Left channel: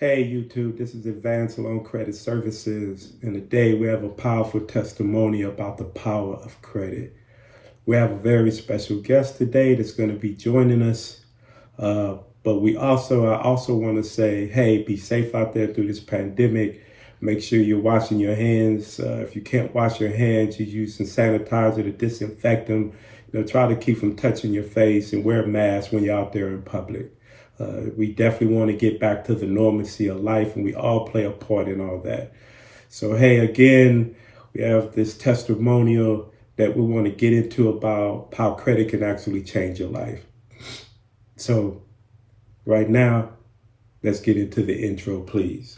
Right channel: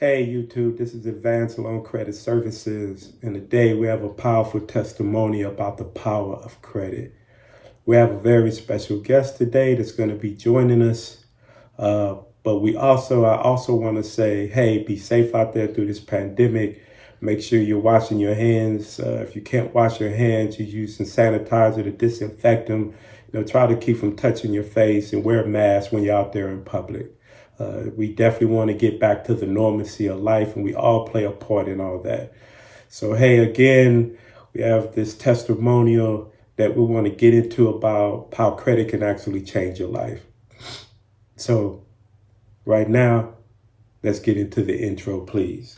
Hey YouTube, this is Advanceloancredit Services, and today we have a powerful testimony about the power of credit. We have a very special guest today that's going to be joining us, but I also want to say, hey, be safe out there through this pandemic. Make sure you're washing your hands. If you can't wash your hands, you're using sanitizer to disinfect them. Try to keep from touching your face and wear a mask when you're out there in public. We definitely want to get back to the normalcy of life, and we all play a part in all that. So, hey, again, we have this testimonial that we want to get into about how credit can actually change your life. So, right now, let's get into the intro, please.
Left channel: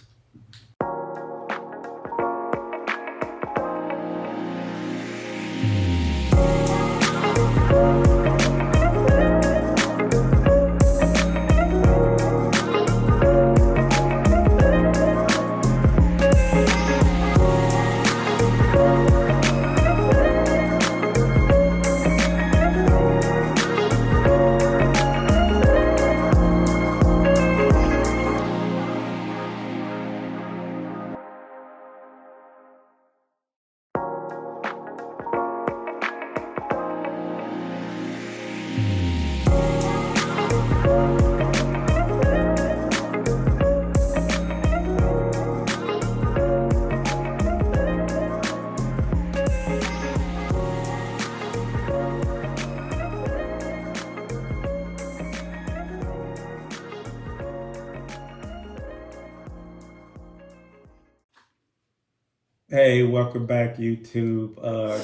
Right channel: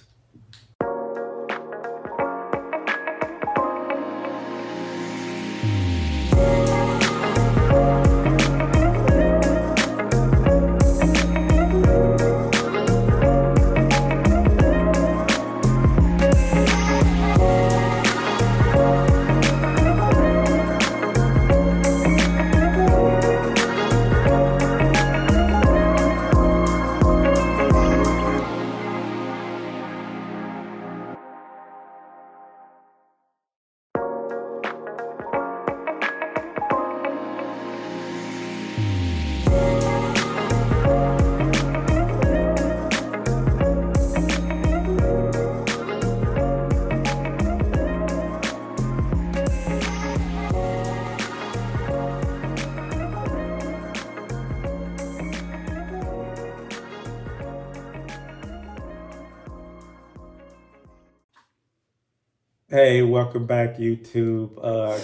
Hey, welcome back, YouTube.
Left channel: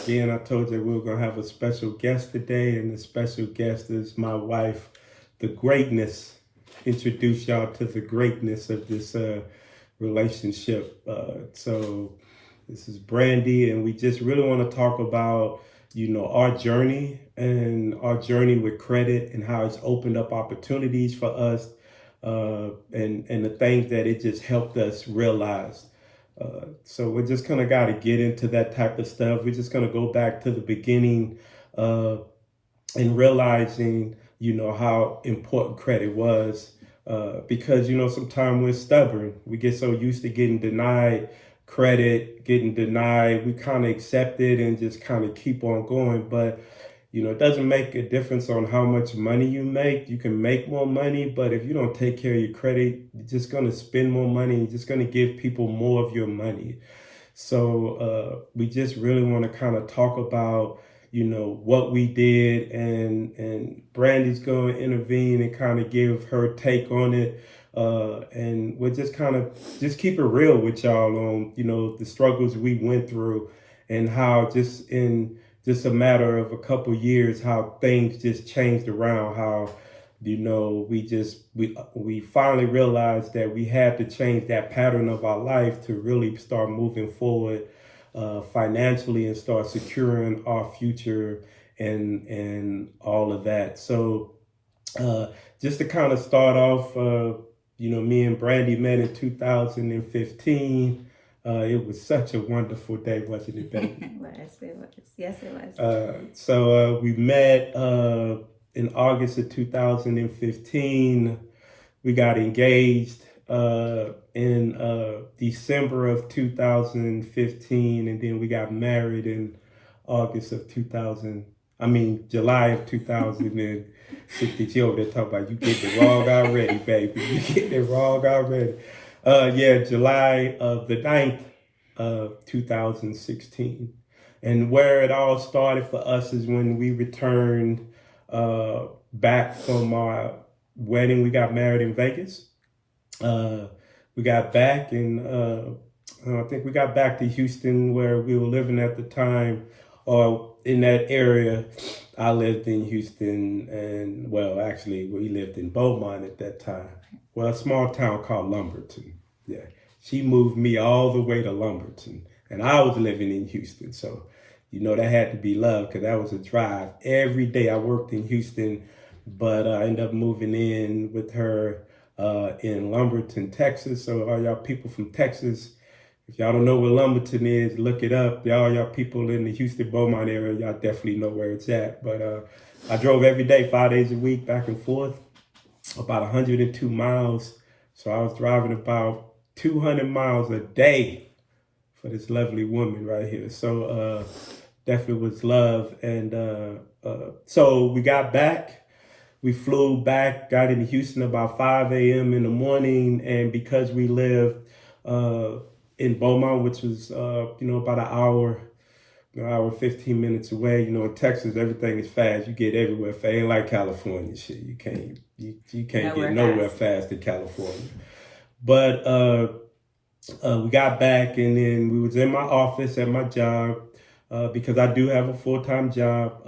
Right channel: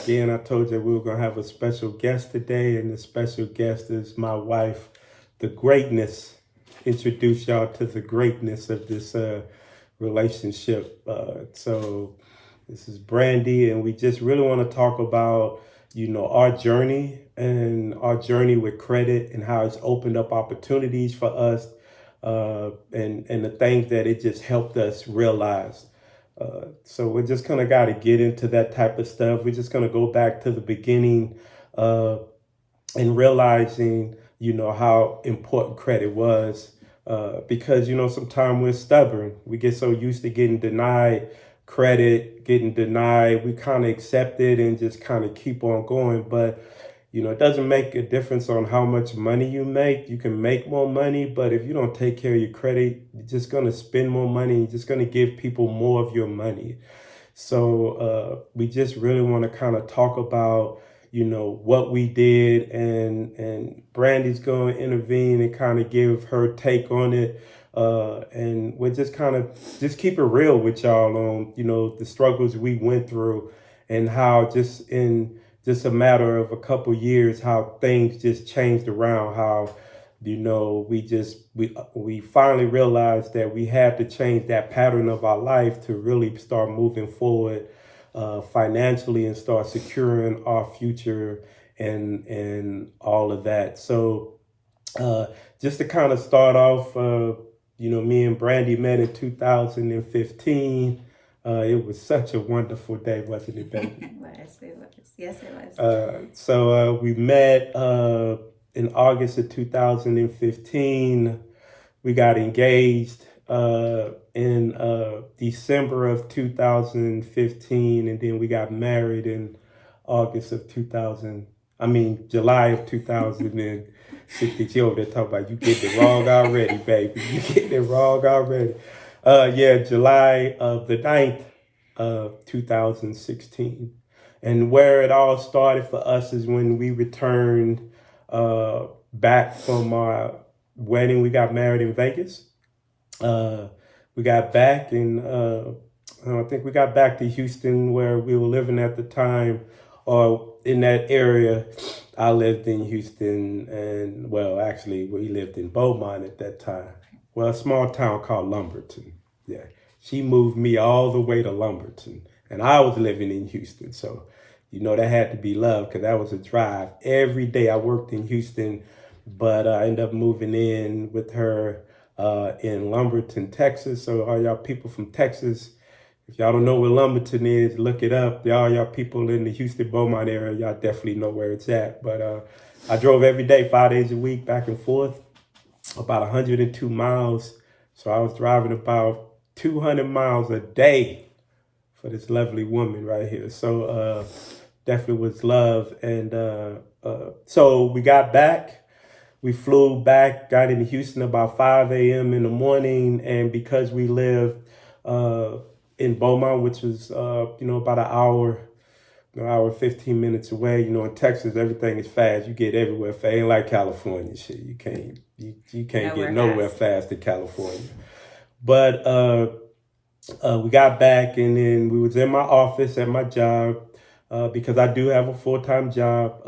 Again, I told you we were going to have a special guest today, and the special guest is my wife, the greatness. Introduce y'all to the greatness of this relationship. So this is Brandy, and we just really want to talk about, our journey with credit and how it's opened up opportunities for us and the things that it just helped us realize. So we're just kind of got to get into that type of stuff. We're just going to go back to the beginning and realizing, how important credit was because, sometimes we're stubborn. We get so used to getting denied credit, we kind of accept it and just kind of keep on going. But it doesn't make a difference on how much money you make. You can make more money, but if you don't take care of your credit, you're just going to spend more money. You're just going to give people more of your money. So we just really want to kind of talk about, what we did, and Brandy's going to intervene and kind of give her take on it. And we're just kind of just keep it real with y'all on, the struggles we went through and how just in a matter of a couple years, how things just changed around, how, we finally realized that we had to change that pattern of our life to really start moving forward financially and start securing our future and all of that. So just to kind of start off, me and Brandy met in 2015. It was such a wonderful day, wasn't it, baby? Yes, it was. So we met in August of 2015. We got engaged in December of 2015, and then we got married in July of 2016. She over there talking about you getting it wrong already, baby. You getting it wrong already. July of the 9th of 2016. And where it all started for us is when we returned back from our wedding. We got married in Vegas. We got back and I think we got back to Houston where we were living at the time, or in that area. I lived in Houston, and actually we lived in Beaumont at that time. Well, a small town called Lumberton. Yeah, she moved me all the way to Lumberton, and I was living in Houston. So, that had to be love because that was a drive. Every day I worked in Houston, but I ended up moving in with her in Lumberton, Texas. So all y'all people from Texas, if y'all don't know where Lumberton is, look it up. Y'all people in the Houston Beaumont area, y'all definitely know where it's at. But I drove every day, 5 days a week, back and forth, about 102 miles. So I was driving about 200 miles a day for this lovely woman right here. So definitely was love. And so we got back. We flew back, got into Houston about 5 a.m. in the morning. And because we lived in Beaumont, which was, about an hour, 15 minutes away. In Texas, everything is fast. You get everywhere fast. Ain't like California shit. You can't get nowhere fast in California. But we got back, and then we was in my office at my job because I do have a full-time job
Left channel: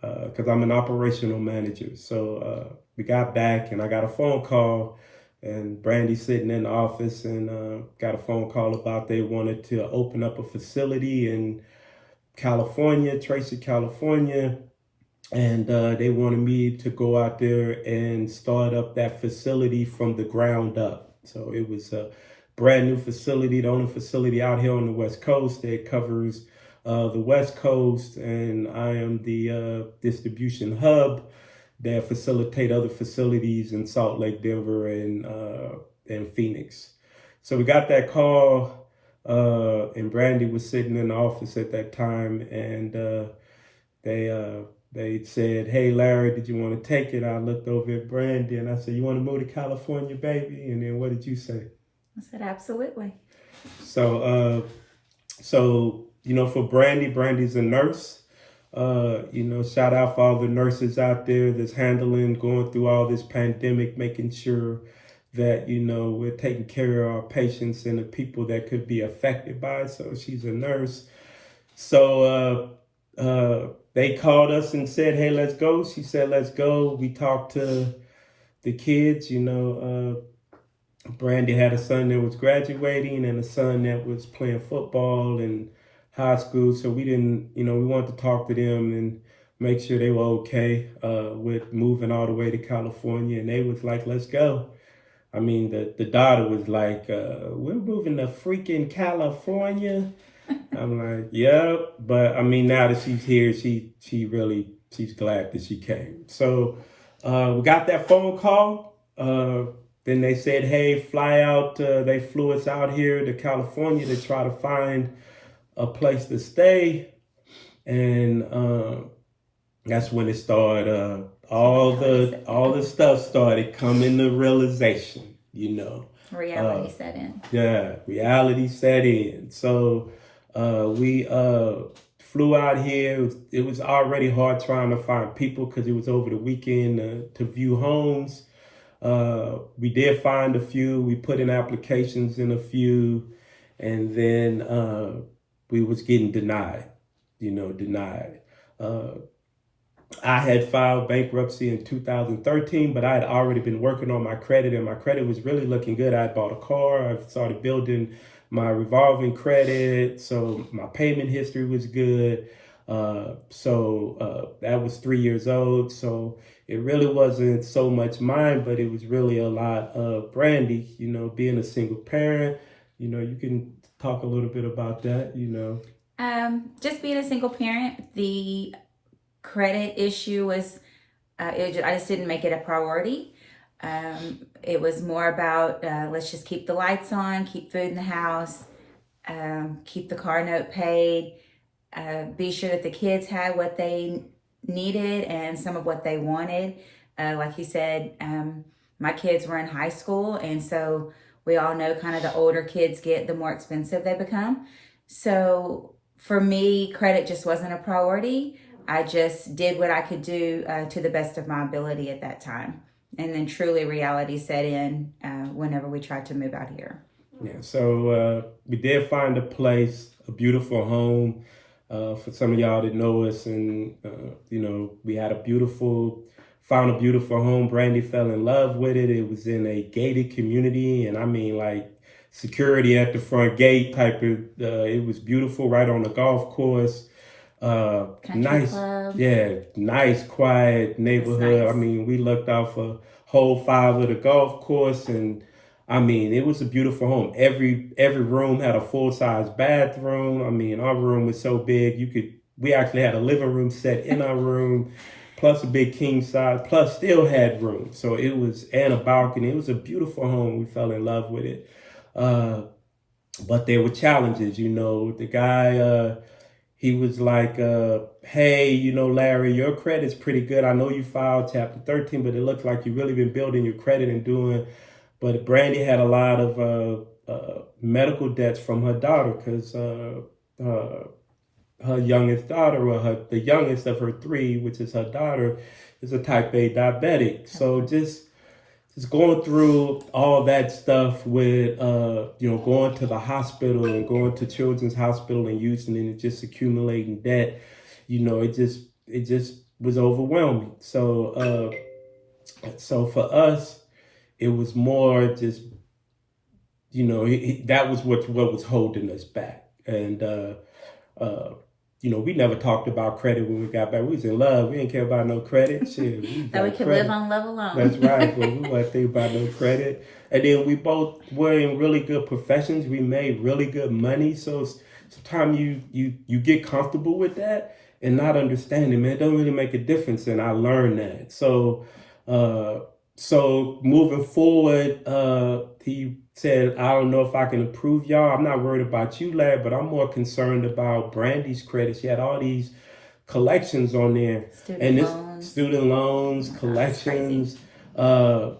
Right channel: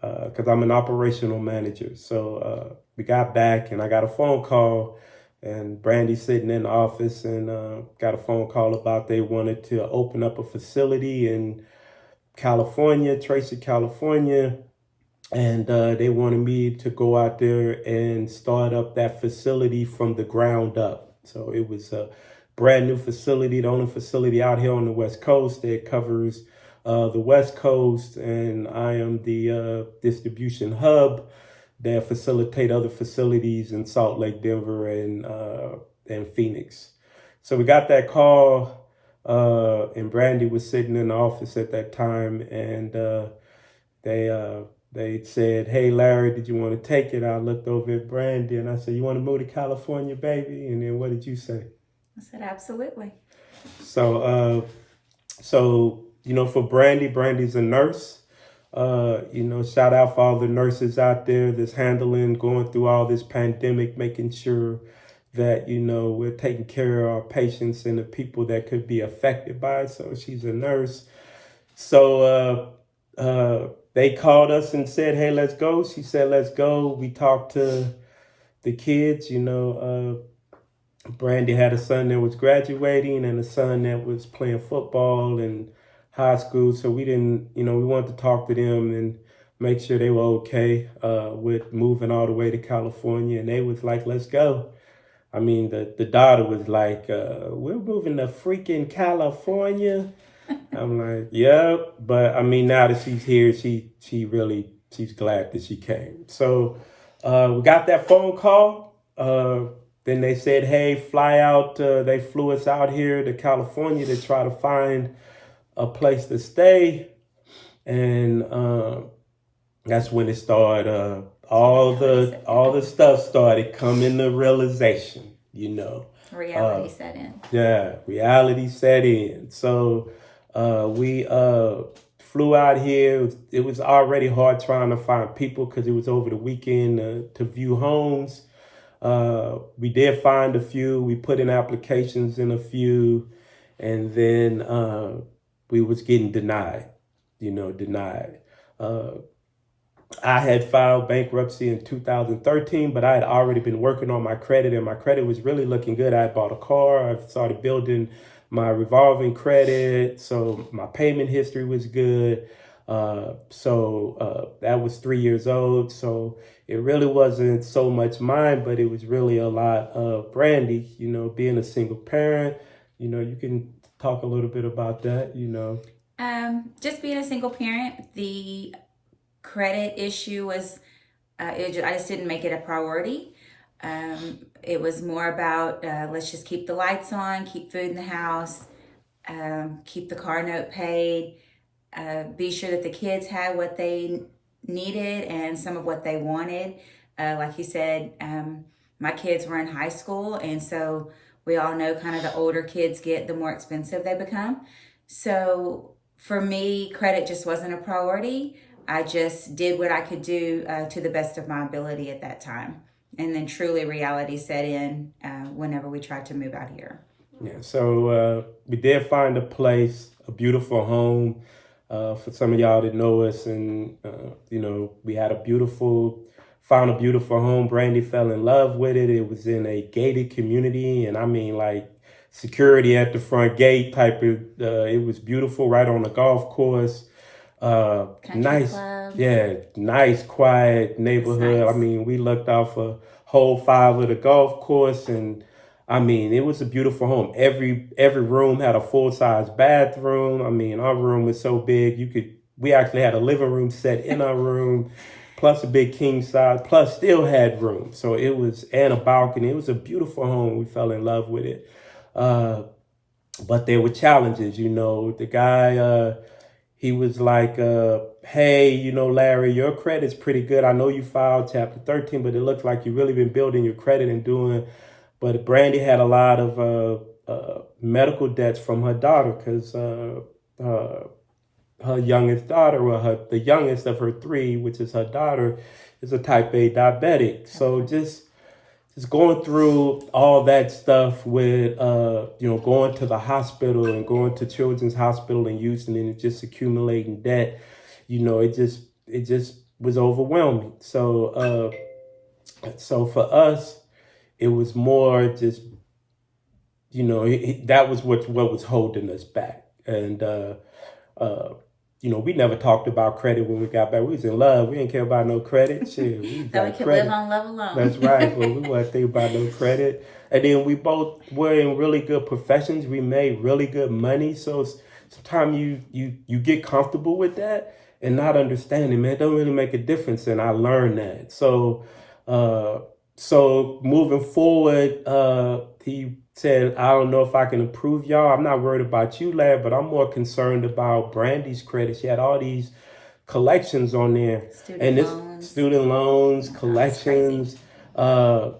because I'm an operational manager. So we got back, and I got a phone call, and Brandy sitting in the office, and got a phone call about they wanted to open up a facility in California, Tracy, California, and they wanted me to go out there and start up that facility from the ground up. So it was a brand new facility, the only facility out here on the West Coast that covers the West Coast, and I am the distribution hub that facilitate other facilities in Salt Lake, Denver, and Phoenix. So we got that call. And Brandy was sitting in the office at that time, and they said, "Hey, Larry, did you want to take it?" I looked over at Brandy and I said, "You want to move to California, baby?" And then what did you say? I said, "Absolutely." So, for Brandy's a nurse. Shout out for all the nurses out there that's going through all this pandemic, making sure that, we're taking care of our patients and the people that could be affected by it. So she's a nurse. So they called us and said, "Hey, let's go." She said, "Let's go." We talked to the kids. Brandy had a son that was graduating and a son that was playing football in high school. So we didn't, we wanted to talk to them and make sure they were okay with moving all the way to California. And they was like, "Let's go." I mean, the daughter was like, "We're moving to freaking California." I'm like, "Yep." But I mean, now that she's here, she's glad that she came. So we got that phone call. Then they said, "Hey, fly out." They flew us out here to California to try to find a place to stay. And that's when it started. All the stuff started coming to realization, Reality set in. Yeah, reality set in. So we flew out here. It was already hard trying to find people because it was over the weekend to view homes. We did find a few. We put in applications in a few, and then we was getting denied. I had filed bankruptcy in 2013, but I had already been working on my credit, and my credit was really looking good. I bought a car. I started building my revolving credit, so my payment history was good. So that was 3 years old. So it really wasn't so much mine, but it was really a lot of Brandy, being a single parent. You can talk a little bit about that, Just being a single parent, the credit issue was, I just didn't make it a priority. It was more about, let's just keep the lights on, keep food in the house, keep the car note paid, be sure that the kids had what they needed and some of what they wanted. Like you said, my kids were in high school, and so we all know kind of the older kids get, the more expensive they become. So for me, credit just wasn't a priority. I just did what I could do to the best of my ability at that time. And then truly reality set in whenever we tried to move out here. Yeah, so we did find a place, a beautiful home for some of y'all that know us. And, we had found a beautiful home. Brandy fell in love with it. It was in a gated community. And I mean, like, security at the front gate type of, it was beautiful, right on the golf course. Nice club. Yeah, nice, quiet neighborhood. Nice. I mean, we looked out for hole 5 of the golf course, and I mean, it was a beautiful home. Every room had a full-size bathroom. I mean, our room was so big, we actually had a living room set in our room. plus a big king size, plus still had room. So it was, and a balcony. It was a beautiful home. We fell in love with it. But there were challenges, you know. The guy, he was like, hey, you know, Larry, your credit's pretty good. I know you filed Chapter 13, but it looks like you've really been building your credit and doing. But Brandy had a lot of medical debts from her daughter because her youngest daughter, or the youngest of her three, which is her daughter, is a type A diabetic. So just going through all that stuff with you know, going to the hospital and going to Children's Hospital in Houston and just accumulating debt, you know, it just was overwhelming. So so for us, it was more just, you know, that was what was holding us back. And you know, we never talked about credit when we got back. We was in love. We didn't care about no credit. Shit, that we could live on love alone. That's right, but we wasn't thinking about no credit. And then we both were in really good professions. We made really good money. So sometimes you get comfortable with that and not understanding, man, it don't really make a difference. And I learned that. So so moving forward, he said, I don't know if I can improve y'all. I'm not worried about you, lad, but I'm more concerned about Brandy's credit. She had all these collections on there. Student loans, collections. So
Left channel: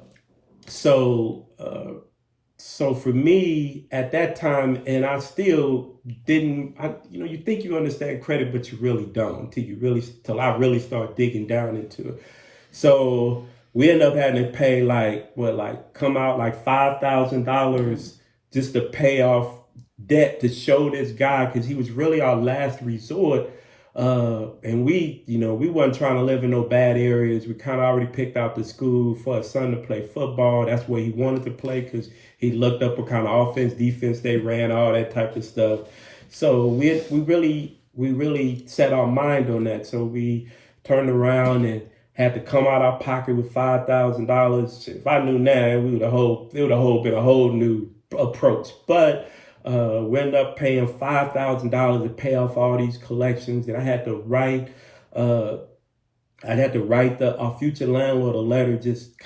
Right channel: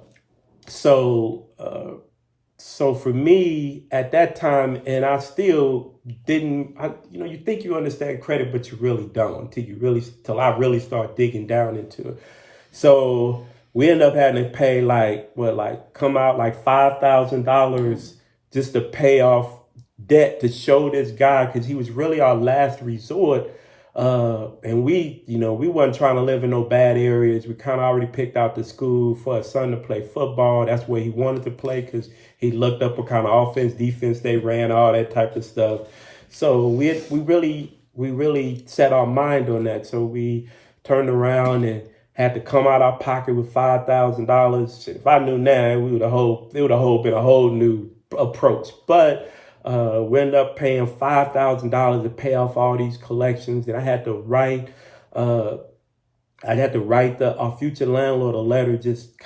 for me at that time, and I still didn't, you know, you think you understand credit, but you really don't till I really start digging down into it. So we end up having to pay come out like $5,000 just to pay off debt to show this guy, because he was really our last resort. And we, you know, we wasn't trying to live in no bad areas. We kind of already picked out the school for his son to play football. That's where he wanted to play because he looked up what kind of offense, defense they ran, all that type of stuff. So we really set our mind on that. So we turned around and had to come out our pocket with $5,000. If I knew now, it would have been a whole new approach. But we ended up paying $5,000 to pay off all these collections, and I had to write our future landlord a letter, just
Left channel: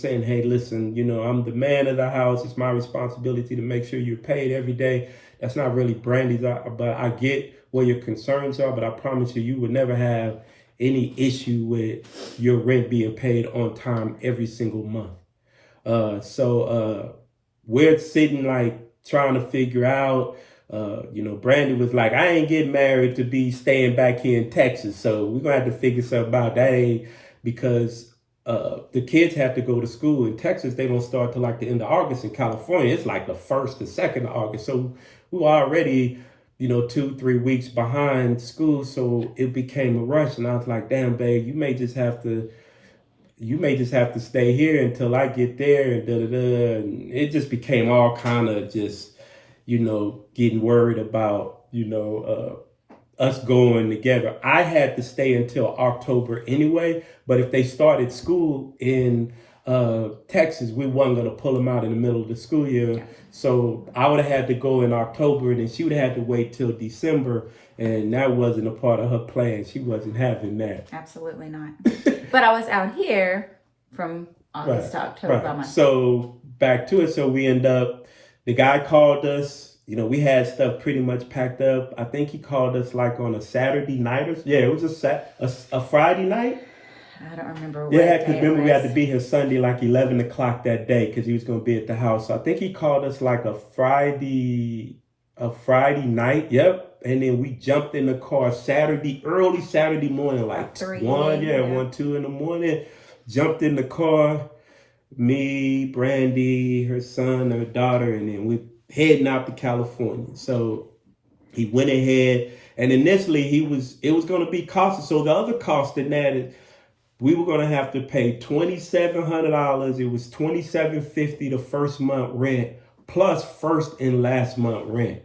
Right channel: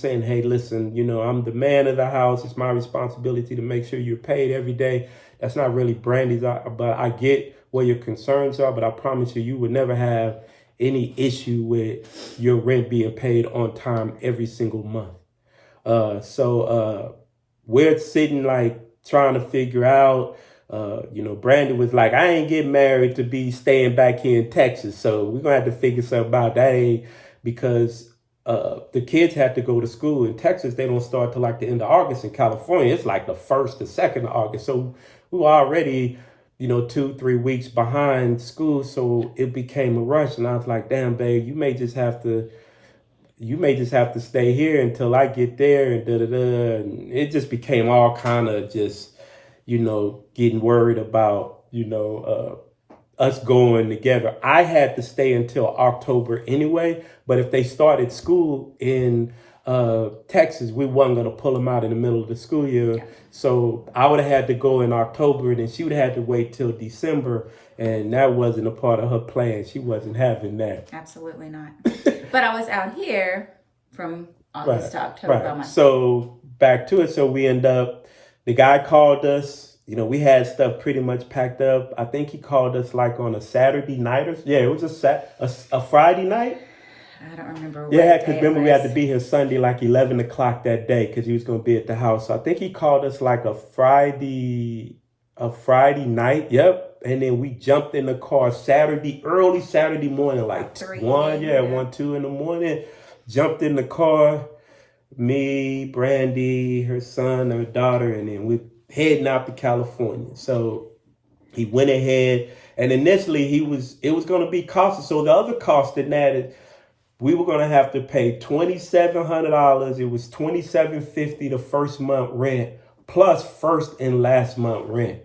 saying, hey, listen, you know, I'm the man of the house. It's my responsibility to make sure you're paid every day. That's not really Brandy's, but I get where your concerns are. But I promise you, you would never have any issue with your rent being paid on time every single month. So we're sitting like trying to figure out, you know, Brandy was like, I ain't getting married to be staying back here in Texas. So we're going to have to figure something out. That because the kids have to go to school in Texas. They don't start till like the end of August. In California, it's like the 1st or 2nd of August. So we were already, you know, 2-3 weeks behind school. So it became a rush. And I was like, damn, babe, you may just have to stay here until I get there, and And it just became all kind of just, you know, getting worried about, you know, us going together. I had to stay until October anyway, but if they started school in Texas, we wasn't going to pull them out in the middle of the school year. Yeah. So I would have had to go in October, and then she would have had to wait till December. And that wasn't a part of her plan. She wasn't having that. Absolutely not. But I was out here from August to October by myself. So back to it. So we end up, the guy called us. You know, we had stuff pretty much packed up. I think he called us like on a Saturday night it was a Friday night. I don't remember. Yeah, because remember we had to be here Sunday like 11 o'clock that day because he was going to be at the house. So I think he called us like a Friday night. Yep. And then we jumped in the car early Saturday morning, like 1, 2 in the morning. Jumped in the car, me, Brandy, her son, her daughter, and then we heading out to California. So he went ahead, and initially it was going to be costly. So the other cost in that is we were going to have to pay $2,700. It was $2,750 the first month rent plus first and last month rent.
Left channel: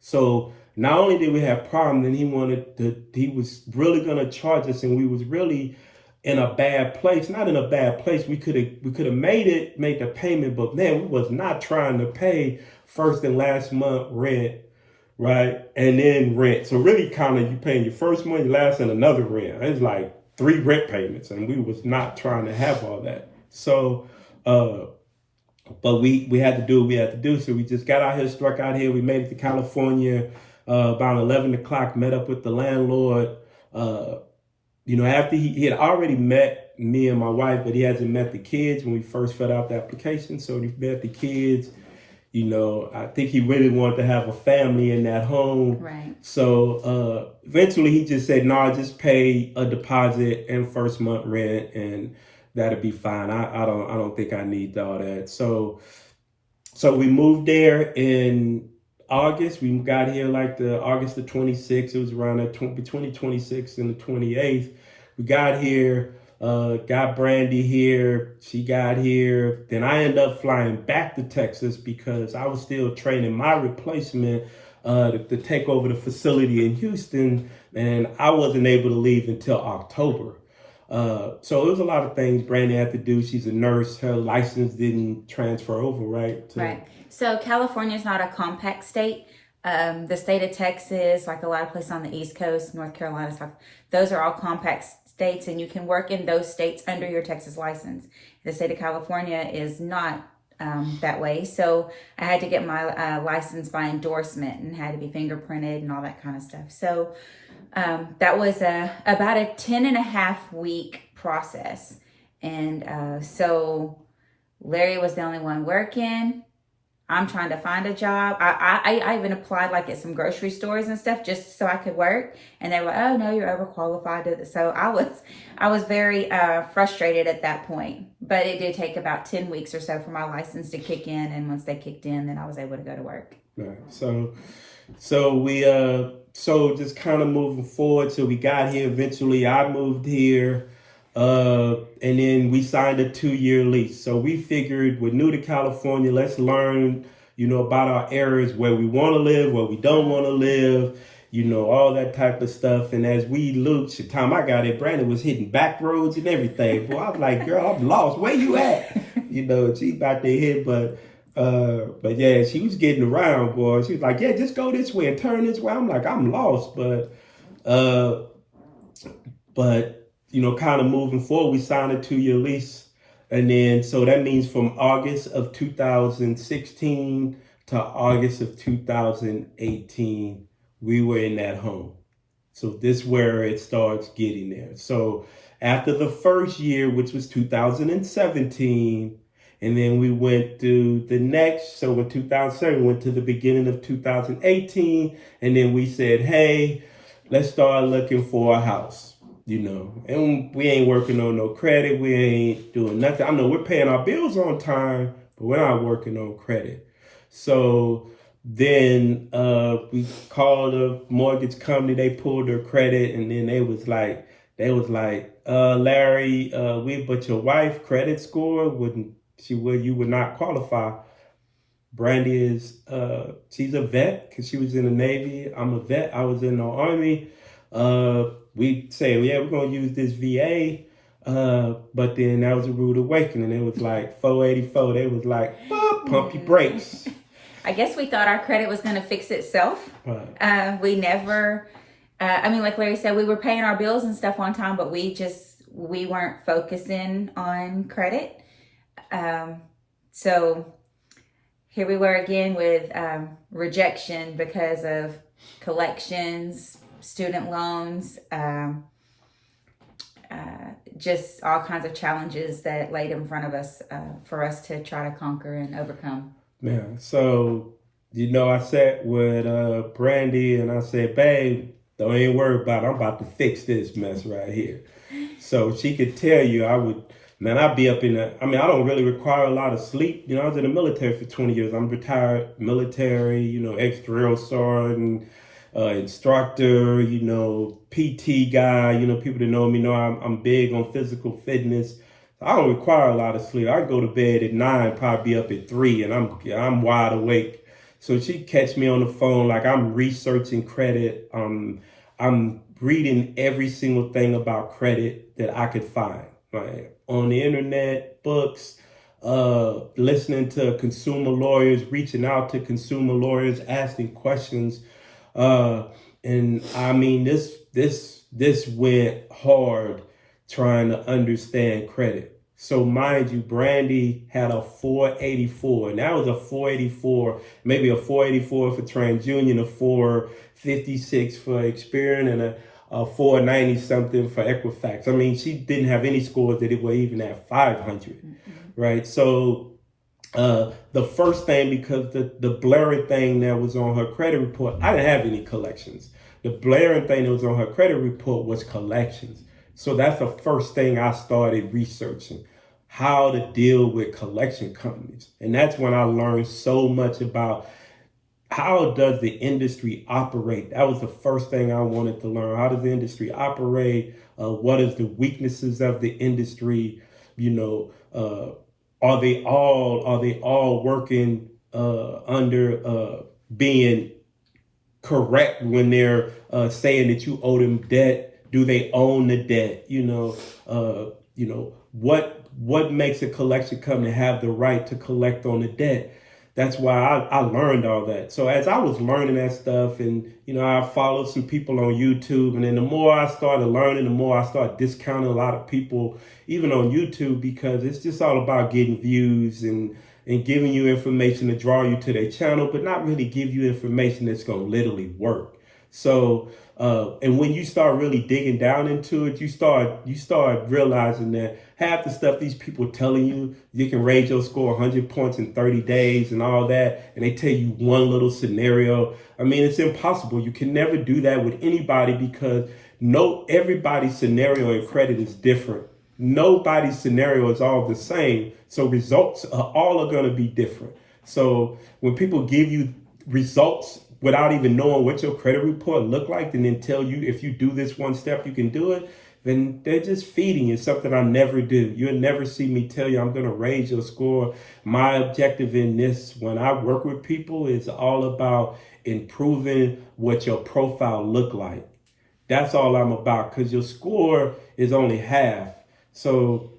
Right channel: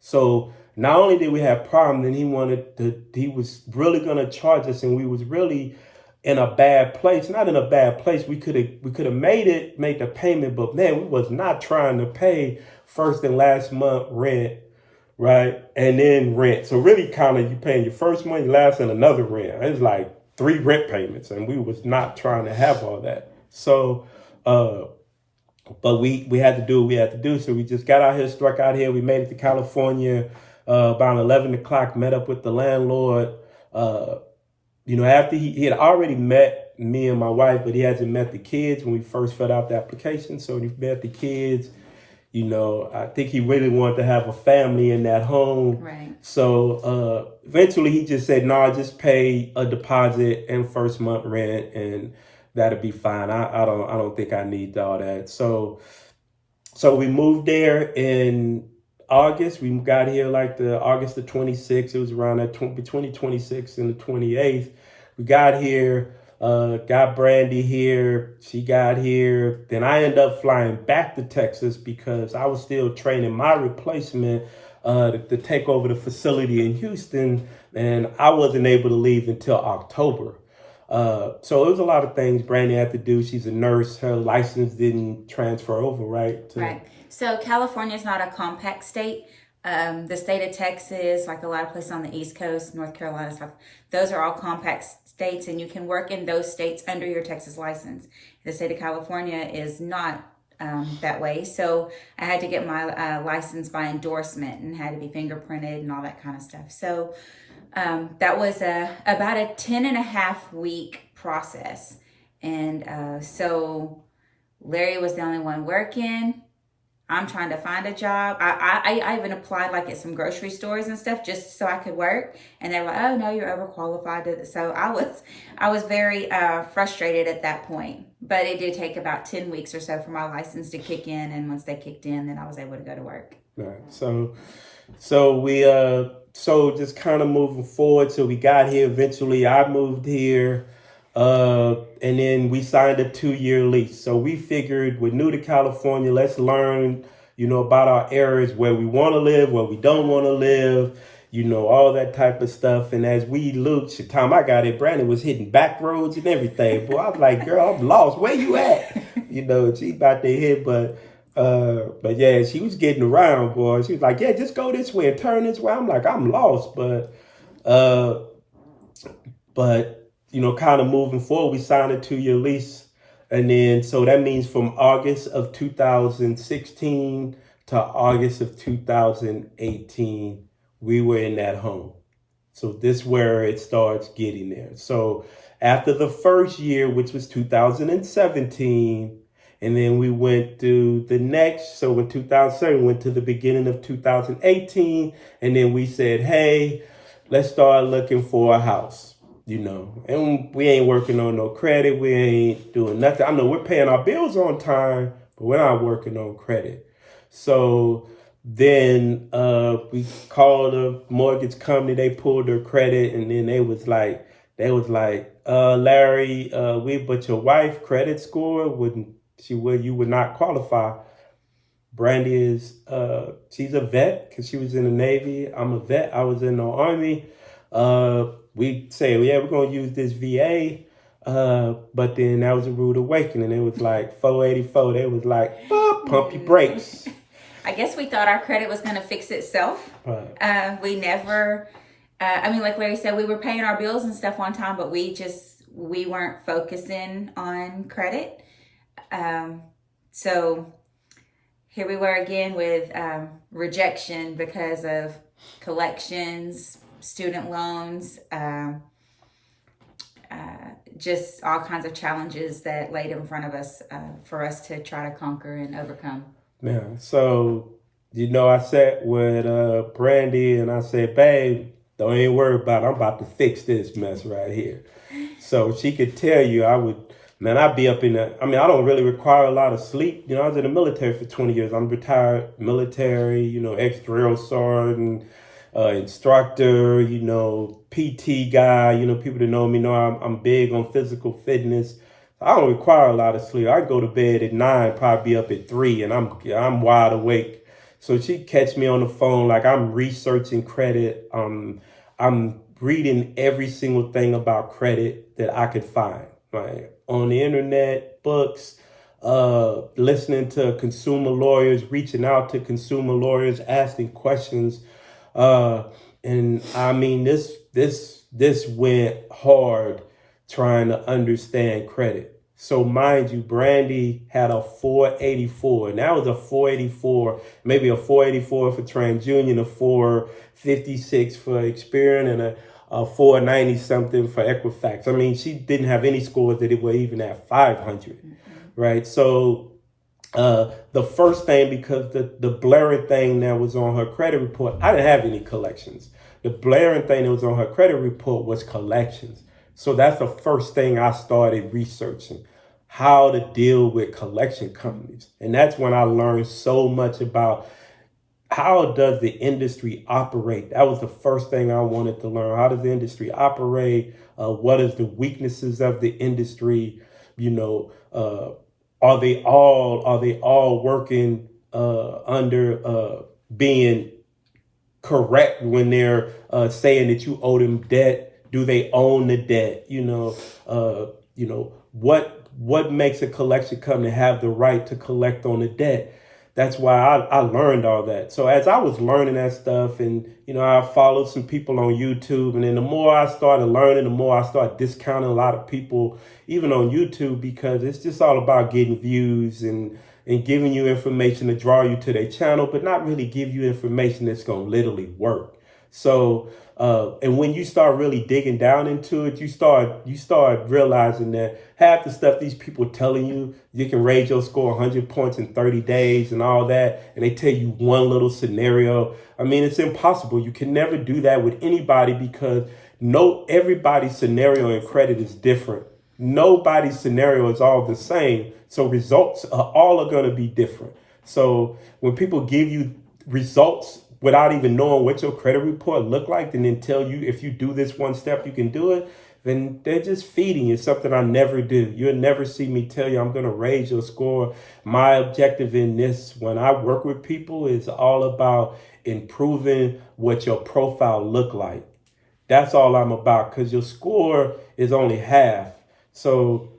So not only did we have problems, then he was really going to charge us, and we was really in a bad place. Not in a bad place. We could have made the payment, but man, we was not trying to pay first and last month rent, right? And then rent. So really kind of you paying your first month, last, and another rent. It's like 3 rent payments, and we was not trying to have all that. So, but we had to do what we had to do. So we just got out here, struck out here. We made it to California about 11 o'clock, met up with the landlord. After he had already met me and my wife, but he hasn't met the kids when we first filled out the application. So he met the kids. I think he really wanted to have a family in that home. Right. So eventually he just said, no, just pay a deposit and first month rent and that'll be fine. I don't think I need all that. So we moved there in August. We got here like the August the 26th. It was around between the 26th and the 28th. We got here. Got Brandy here. She got here. Then I ended up flying back to Texas because I was still training my replacement to take over the facility in Houston, and I wasn't able to leave until October. So it was a lot of things Brandy had to do. She's a nurse. Her license didn't transfer over, right? Right. So California is not a compact state. The state of Texas, like a lot of places on the East Coast, North Carolina, South, those are all compact states, and you can work in those states under your Texas license. The state of California is not that way. So I had to get my license by endorsement and had to be fingerprinted and all that kind of stuff. So that was about a 10.5-week process. And so Larry was the only one working. I'm trying to find a job. I even applied like at some grocery stores and stuff just so I could work. And they were like, oh no, you're overqualified. So I was very frustrated at that point. But it did take about 10 weeks or so for my license to kick in. And once they kicked in, then I was able to go to work. Right. So we just kind of moving forward. So we got here eventually. I moved here. And then we signed a 2-year lease. So we figured we're new to California. Let's learn, about our areas where we want to live, where we don't want to live, all that type of stuff. And as we looked, the time I got it, Brandon was hitting back roads and everything. Boy, I was like, girl, I'm lost. Where you at? She about to hit, but yeah, she was getting around, boy. She was like, yeah, just go this way and turn this way. I'm like, I'm lost, but kind of moving forward, we signed a 2-year lease. And then, so that means from August of 2016 to August of 2018, we were in that home. So this is where it starts getting there. So after the first year, which was 2017, and then we went to the next, so in 2007, we went to the beginning of 2018, and then we said, hey, let's start looking for a house. And we ain't working on no credit. We ain't doing nothing. I know we're paying our bills on time, but we're not working on credit. So then we called a mortgage company. They pulled their credit, and then they was like, Larry, but your wife credit score you would not qualify. Brandy is she's a vet because she was in the Navy. I'm a vet. I was in the Army. We say, yeah, we're going to use this VA. But then that was a rude awakening. It was like 484. They was like, pump your brakes. I guess we thought our credit was going to fix itself. Right. We never, like Larry said, we were paying our bills and stuff on time, but we weren't focusing on credit. So here we were again with rejection because of collections, student loans, just all kinds of challenges that laid in front of us for us to try to conquer and overcome. Yeah. So, I sat with Brandy and I said, babe, don't even worry about it. I'm about to fix this mess right here. So she could tell you I'd be up in I don't really require a lot of sleep. I was in the military for 20 years. I'm retired military, ex-drill sergeant, instructor, PT guy, people that know me know I'm big on physical fitness. I don't require a lot of sleep. I go to bed at 9, probably be up at 3, and I'm wide awake. So she'd catch me on the phone like I'm researching credit. I'm reading every single thing about credit that I could find, right? On the internet, books, listening to consumer lawyers, reaching out to consumer lawyers, asking questions. And I mean, this went hard trying to understand credit. So mind you, Brandy had a 484, and that was a 484, maybe a 484 for TransUnion, a 456 for Experian, and a 490 something for Equifax. I mean, she didn't have any scores that were even at 500, right? So the first thing, because the blaring thing that was on her credit report, I didn't have any collections. The blaring thing that was on her credit report was collections. So that's the first thing I started researching, how to deal with collection companies. And that's when I learned so much about how does the industry operate. That was the first thing I wanted to learn. How does the industry operate? What is the weaknesses of the industry? You know, are they all working under being correct when they're saying that you owe them debt? Do they own the debt? What makes a collection company have the right to collect on the debt? That's why I learned all that. So as I was learning that stuff, and I followed some people on YouTube, and then the more I started learning, the more I started discounting a lot of people, even on YouTube, because it's just all about getting views and giving you information to draw you to their channel, but not really give you information that's going to literally work. So, and when you start really digging down into it, you start realizing that half the stuff these people telling you can raise your score 100 points in 30 days and all that, and they tell you one little scenario. I mean, it's impossible. You can never do that with anybody, because everybody's scenario in credit is different. Nobody's scenario is all the same. So results are going to be different. So when people give you results without even knowing what your credit report look like, and then tell you if you do this one step, you can do it, then they're just feeding you something I never do. You'll never see me tell you I'm going to raise your score. My objective in this, when I work with people, is all about improving what your profile look like. That's all I'm about, because your score is only half. So,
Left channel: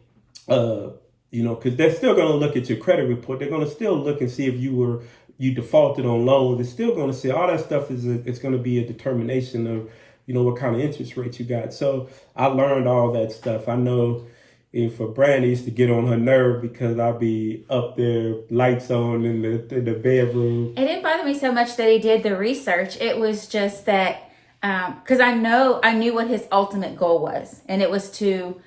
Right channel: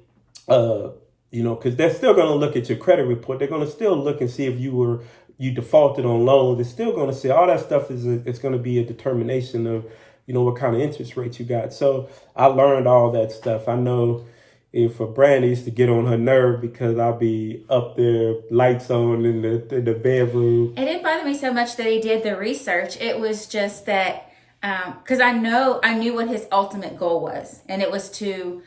because they're still going to look at your credit report. They're going to still look and see if you defaulted on loans. They're still going to say all that stuff it's going to be a determination of, what kind of interest rate you got. So I learned all that stuff. I know for Brandy, used to get on her nerve because I'll be up there, lights on in the bedroom. It didn't bother me so much that he did the research. It was just that, because I knew what his ultimate goal was, and it was to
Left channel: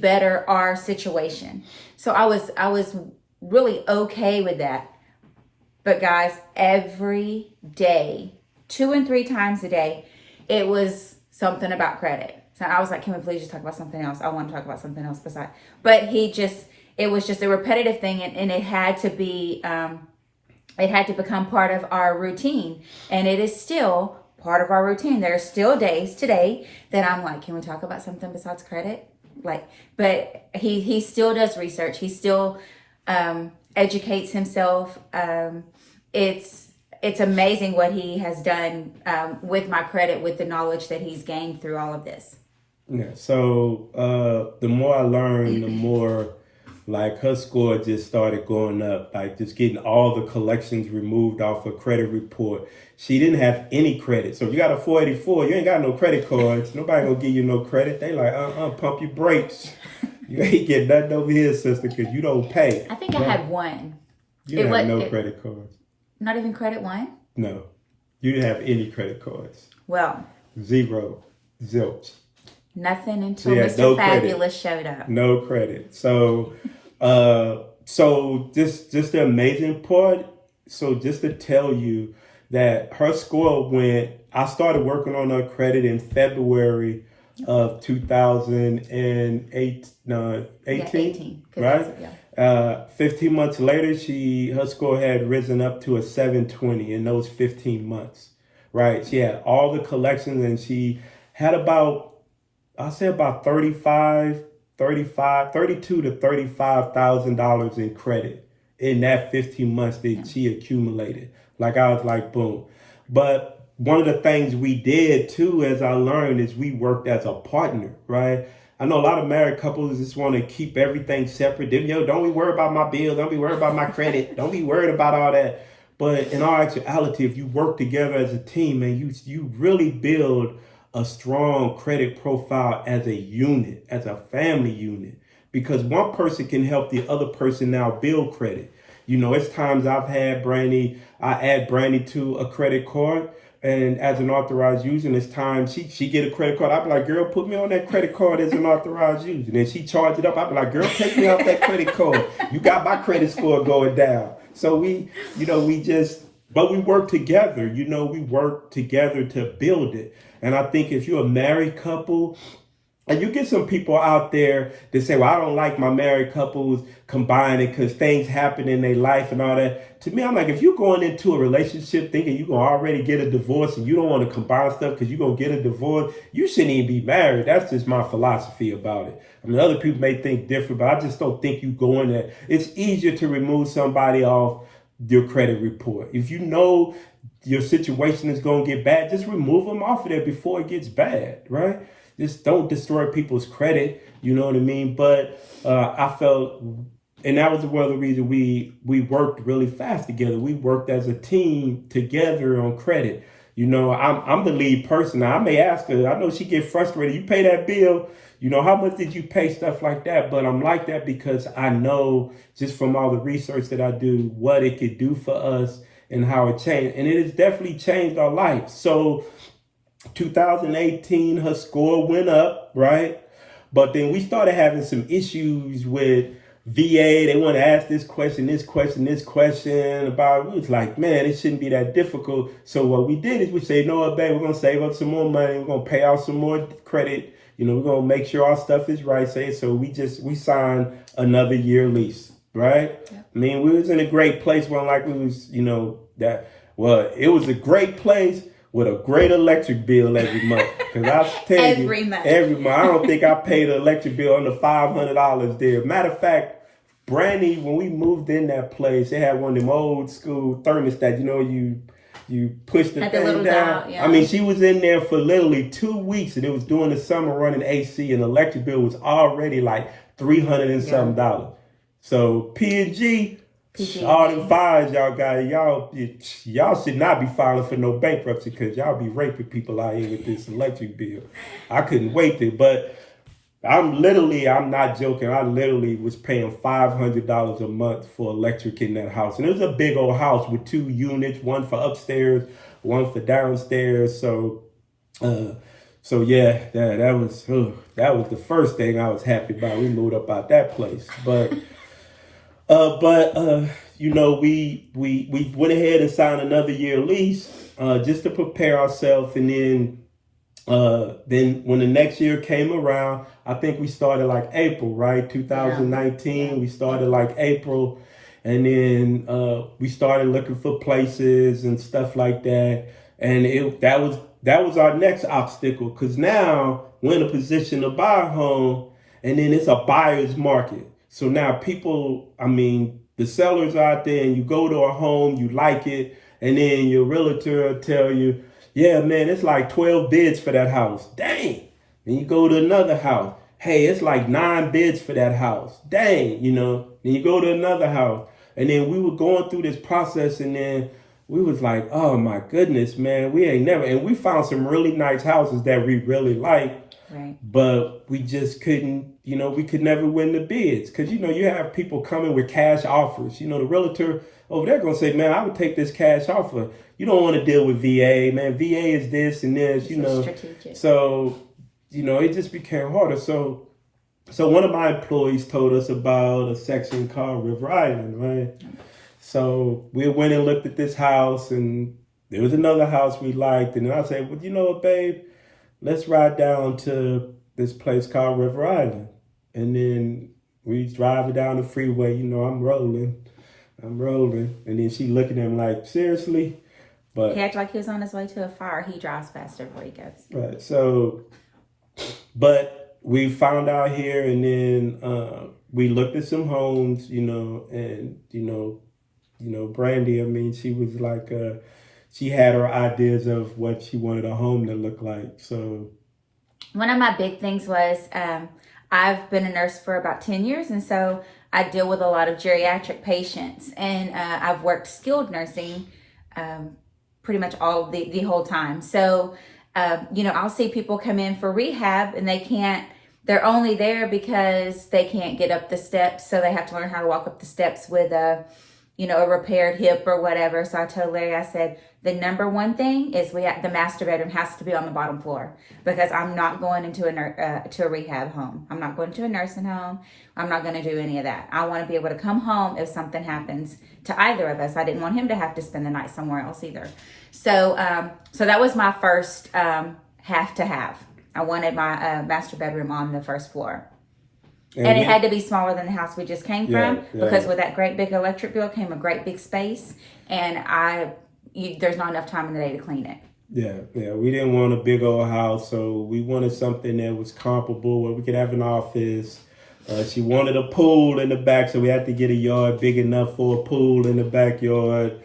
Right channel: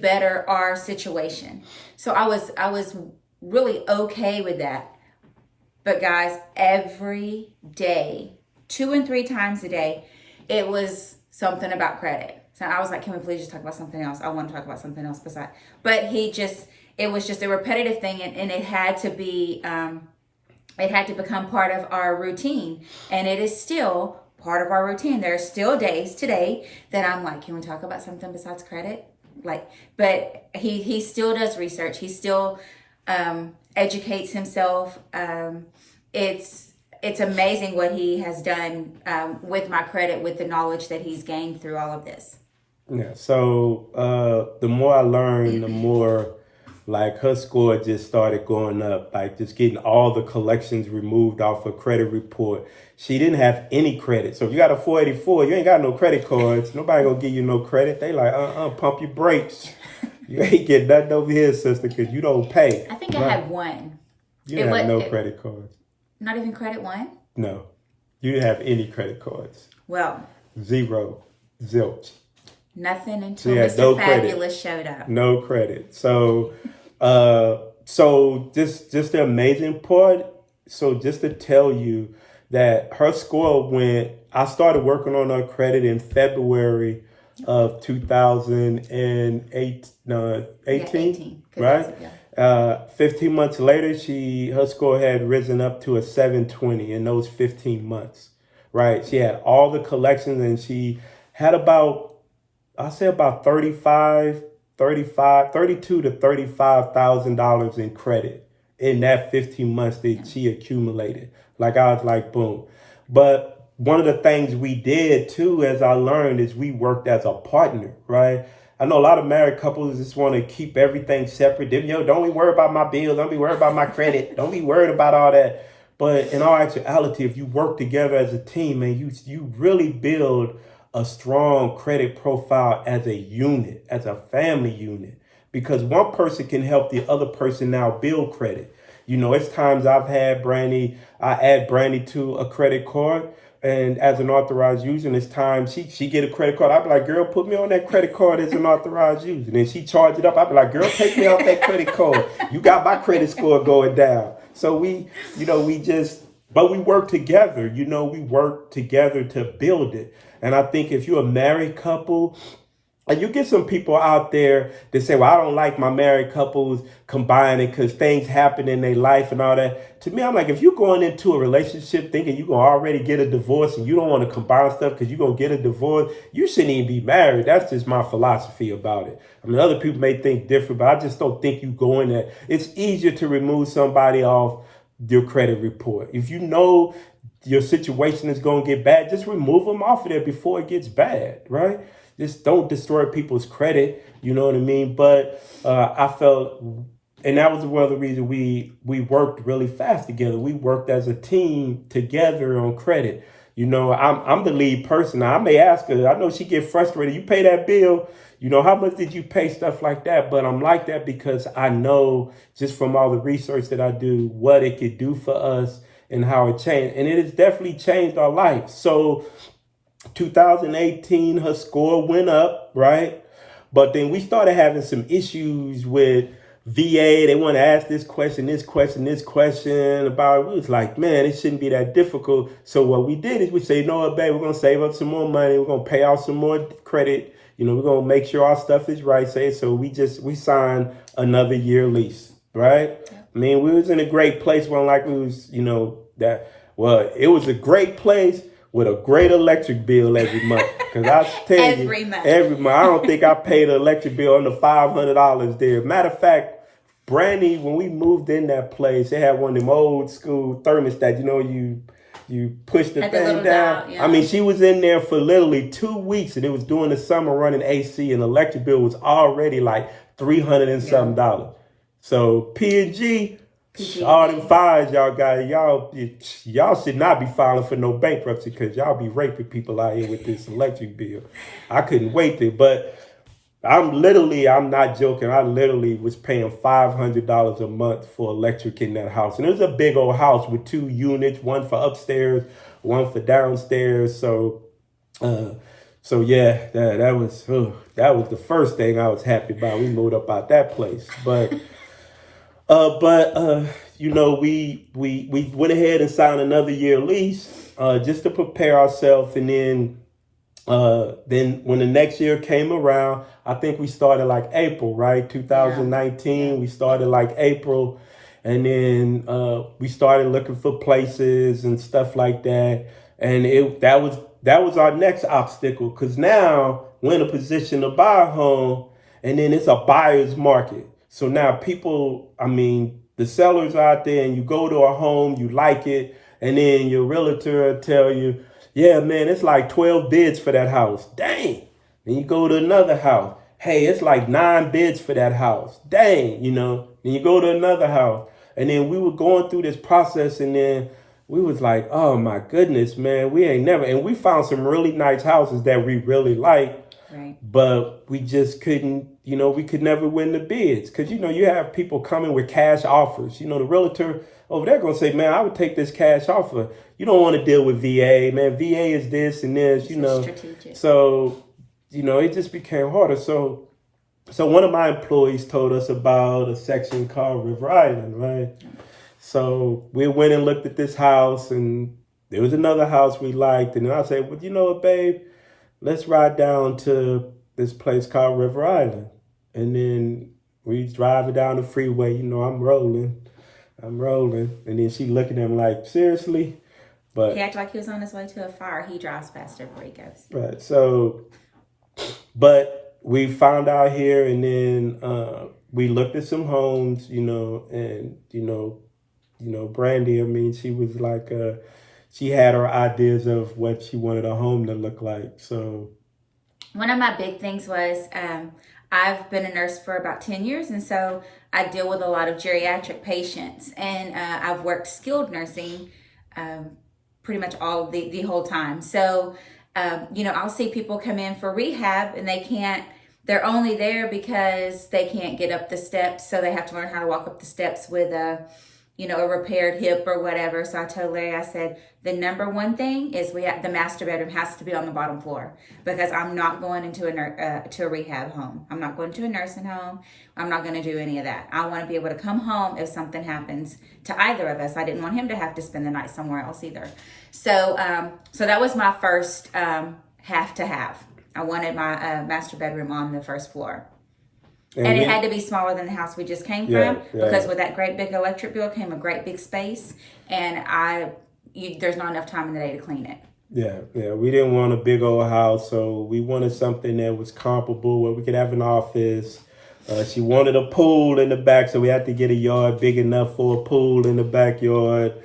better our situation. So I was really okay with that. But guys, every day, 2 and 3 times a day, it was something about credit. So I was like, can we please just talk about something else? I want to talk about something else besides. But it was just a repetitive thing, and it had to be, it had to become part of our routine. And it is still part of our routine. There are still days today that I'm like, can we talk about something besides credit? But he still does research. He still educates himself. It's amazing what he has done with my credit, with the knowledge that he's gained through all of this. Yeah. So the more I learned, the more her score just started going up, just getting all the collections removed off her credit report. She didn't have any credit. So if you got a 484, you ain't got no credit cards. Nobody gonna give you no credit. They like, pump your brakes. You ain't getting nothing over here, sister, because you don't pay. I think I had one. You didn't have no credit cards. Not even credit one? No. You didn't have any credit cards. Well. 0. Zilch. Nothing until Mr. Fabulous showed up. No credit. So, just the amazing part. So just to tell you that her score I started working on her credit in February of 2008, 18, right? 15 months later, her score had risen up to a 720 in those 15 months, right? She had all the collections, and she had about 32 to $35,000 in credit in that 15 months that she accumulated. I was like, boom. But one of the things we did too, as I learned, is we worked as a partner, right? I know a lot of married couples just want to keep everything separate. Don't be worried about my bills. Don't be worried about my credit. Don't be worried about all that. But in all actuality, if you work together as a team, man, you really build a strong credit profile as a unit, as a family unit, because one person can help the other person now build credit. You know, it's times I've had Brandy, I add Brandy to a credit card, and as an authorized user, and it's time she get a credit card. I'd be like, girl, put me on that credit card as an authorized user. And then she charge it up. I'd be like, girl, take me off that credit card. You got my credit score going down. So but we work together. You know, we work together to build it. And I think if you're a married couple, and you get some people out there that say, well, I don't like my married couples combining because things happen in their life and all that. To me, I'm like, if you're going into a relationship thinking you're going to already get a divorce and you don't want to combine stuff because you're going to get a divorce, you shouldn't even be married. That's just my philosophy about it. I mean, other people may think different, but I just don't think you go in there. It's easier to remove somebody off your credit report. If you know your situation is going to get bad, just remove them off of there before it gets bad, right? Just don't destroy people's credit, you know what I mean? But I felt, and that was one of the reasons we worked really fast together. We worked as a team together on credit. You know, I'm the lead person. Now, I may ask her, I know she get frustrated. You pay that bill, you know, how much did you pay, stuff like that. But I'm like that because I know just from all the research that I do, what it could do for us and how it changed. And it has definitely changed our life. So 2018, her score went up, right? But then we started having some issues with VA. They want to ask this question about it. It was like, man, it shouldn't be that difficult. So what we did is we say, no, babe, we're going to save up some more money. We're going to pay out some more credit. You know, we're going to make sure our stuff is right. So we signed another year lease, right? Yeah. I mean, we was in a great place. One like we was, you know, it was a great place with a great electric bill every month. Because I tell you, every month. I don't think I paid an electric bill under $500 there. Matter of fact, Brandy, when we moved in that place, they had one of them old school thermostats. You know, you push the thing down. Dial, yeah. I mean, she was in there for literally 2 weeks, and it was during the summer running AC, and the electric bill was already like $300 and something dollars. So P&G. All them fines y'all got, y'all should not be filing for no bankruptcy because y'all be raping people out here with this electric bill. I couldn't wait there, but I'm not joking. I literally was paying $500 a month for electric in that house. And it was a big old house with 2 units, one for upstairs, one for downstairs. So yeah, that was the first thing I was happy about. We moved up out that place, but you know, we went ahead and signed another year lease just to prepare ourselves. And then when the next year came around, I think we started like April, right? 2019, we started like April. And then we started looking for places and stuff like that. And that was our next obstacle, because now we're in a position to buy a home, and then it's a buyer's market. So now the sellers out there, and you go to a home, you like it, and then your realtor will tell you, yeah, man, it's like 12 bids for that house. Dang. Then you go to another house. Hey, it's like 9 bids for that house. Dang, you know. Then you go to another house. And then we were going through this process, and then we was like, oh my goodness, man, and we found some really nice houses that we really liked. Right. But we just couldn't, we could never win the bids. Because, you have people coming with cash offers. The realtor over there going to say, man, I would take this cash offer. You don't want to deal with VA, man. VA is this and this, Strategic. So, it just became harder. So one of my employees told us about a section called River Island, right? So we went and looked at this house, and there was another house we liked. And then I said, well, you know what, babe? Let's ride down to this place called River Island. And then we driving down the freeway. I'm rolling. And then she looking at him like, seriously? But he acted like he was on his way to a fire. He drives faster before he goes. Right. So, but we found out here, and then we looked at some homes, and, Brandy, she was like, she had her ideas of what she wanted a home to look like. So one of my big things was I've been a nurse for about 10 years. And so I deal with a lot of geriatric patients. And I've worked skilled nursing pretty much all of the whole time. So I'll see people come in for rehab and they're only there because they can't get up the steps. So they have to learn how to walk up the steps with a repaired hip or whatever. So I told Larry, I said, the number one thing is the master bedroom has to be on the bottom floor, because I'm not going into to a rehab home. I'm not going to a nursing home. I'm not going to do any of that. I want to be able to come home if something happens to either of us. I didn't want him to have to spend the night somewhere else either. So that was my first have to have. I wanted my master bedroom on the first floor. And it had to be smaller than the house we just came from, because with that great big electric bill came a great big space, and there's not enough time in the day to clean it. Yeah. We didn't want a big old house, so we wanted something that was comparable where we could have an office. She wanted a pool in the back, so we had to get a yard big enough for a pool in the backyard.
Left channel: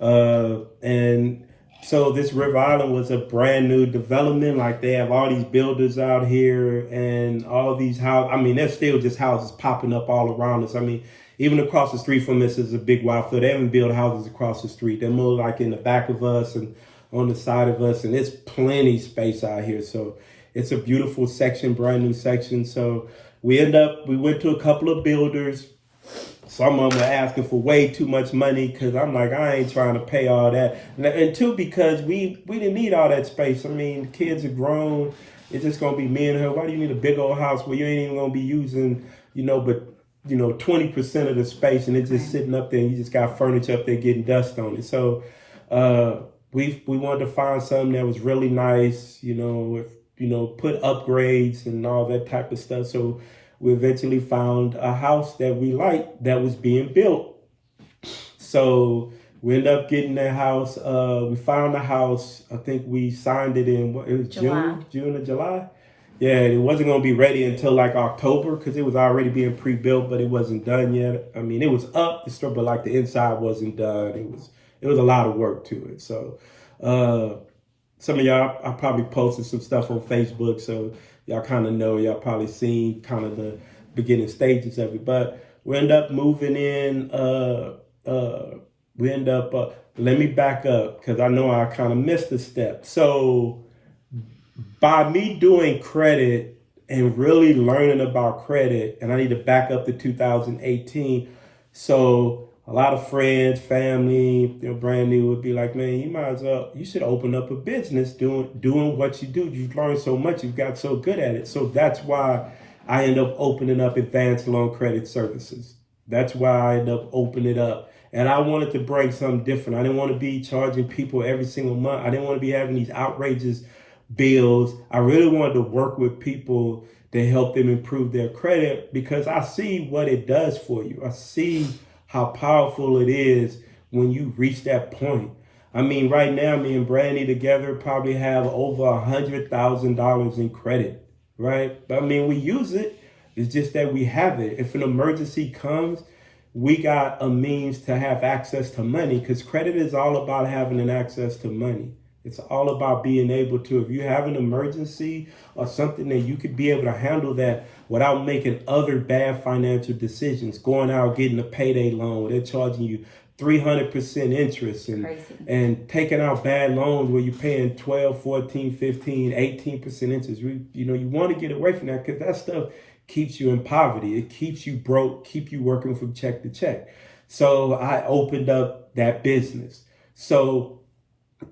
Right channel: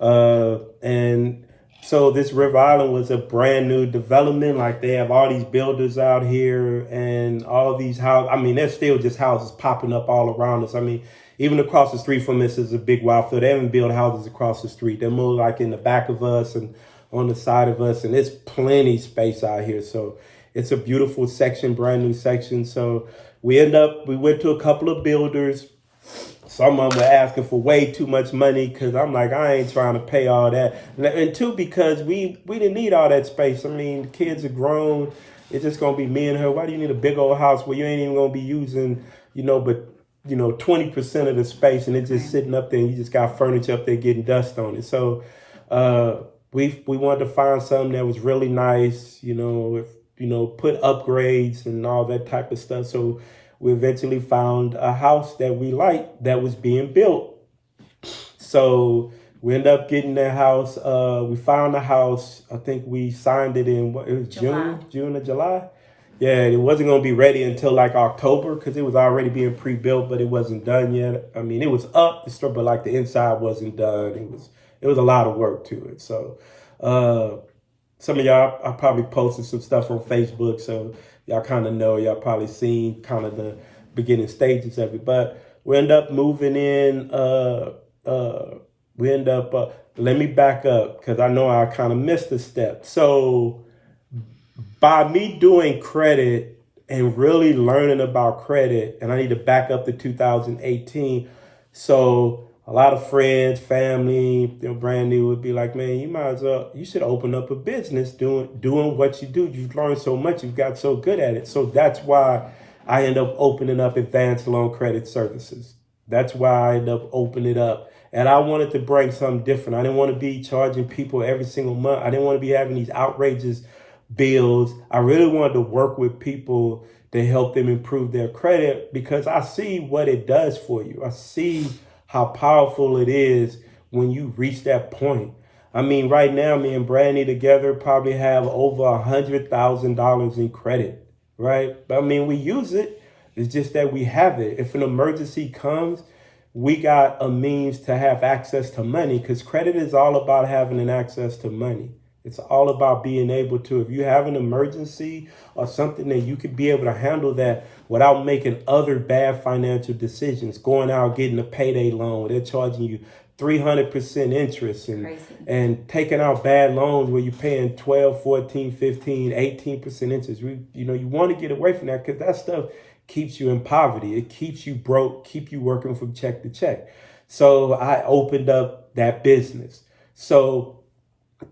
And so this River Island was a brand new development. Like, they have all these builders out here and all these houses. I mean, there's still just houses popping up all around us. I mean, even across the street from us is a big wild field. They haven't built houses across the street. They're more like in the back of us and on the side of us. And there's plenty space out here. So it's a beautiful section, brand new section. So we went to a couple of builders. Some of them were asking for way too much money, because I'm like, I ain't trying to pay all that. And two, because we didn't need all that space. I mean, the kids are grown. It's just going to be me and her. Why do you need a big old house where you ain't even going to be using, but 20% of the space, and it's just sitting up there and you just got furniture up there getting dust on it. So we wanted to find something that was really nice, put upgrades and all that type of stuff. So we eventually found a house that we liked that was being built. So we ended up getting that house. We found the house. I think we signed it in June or July. Yeah, it wasn't going to be ready until like October, because it was already being pre-built, but it wasn't done yet. I mean, it was up, but like the inside wasn't done. It was a lot of work to it. So some of y'all, I probably posted some stuff on Facebook, so y'all kind of know. Y'all probably seen kind of the beginning stages of it. But we end up moving in. Let me back up, because I know I kind of missed a step. So by me doing credit and really learning about credit, and I need to back up to 2018. So a lot of friends, family, they're brand new, would be like, man, you should open up a business doing what you do. You've learned so much. You've got so good at it. So that's why I end up opening up Advanceloancredit services. That's why I end up opening it up. And I wanted to bring something different. I didn't want to be charging people every single month. I didn't want to be having these outrageous bills. I really wanted to work with people to help them improve their credit, because I see what it does for you. I see how powerful it is when you reach that point. I mean, right now, me and Brandy together probably have over $100,000 in credit, right? But I mean, we use it. It's just that we have it. If an emergency comes, we got a means to have access to money, because credit is all about having an access to money. It's all about being able to, if you have an emergency or something, that you could be able to handle that without making other bad financial decisions, going out, getting a payday loan where they're charging you 300% interest and taking out bad loans where you're paying 12, 14, 15, 18% interest. You want to get away from that, because that stuff keeps you in poverty. It keeps you broke, keep you working from check to check. So I opened up that business. So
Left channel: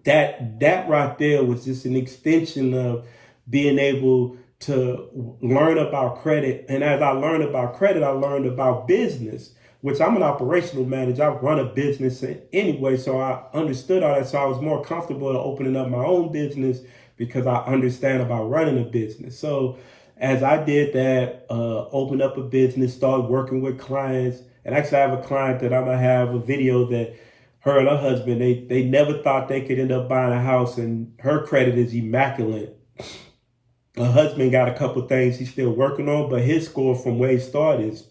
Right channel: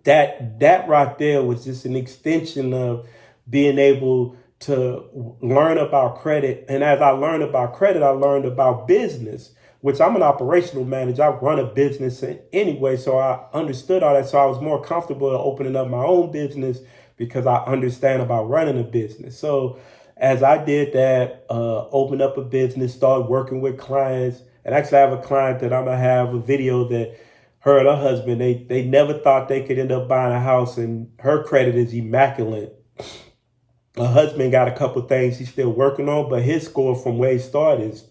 that right there was just an extension of being able to learn about credit. And as I learned about credit, I learned about business, which I'm an operational manager. I run a business anyway, so I understood all that. So I was more comfortable opening up my own business, because I understand about running a business. So as I did that, opened up a business, started working with clients. And actually, I have a client that I'm going to have a video that her and her husband, they never thought they could end up buying a house, and her credit is immaculate. Her husband got a couple things he's still working on, but his score from where he started is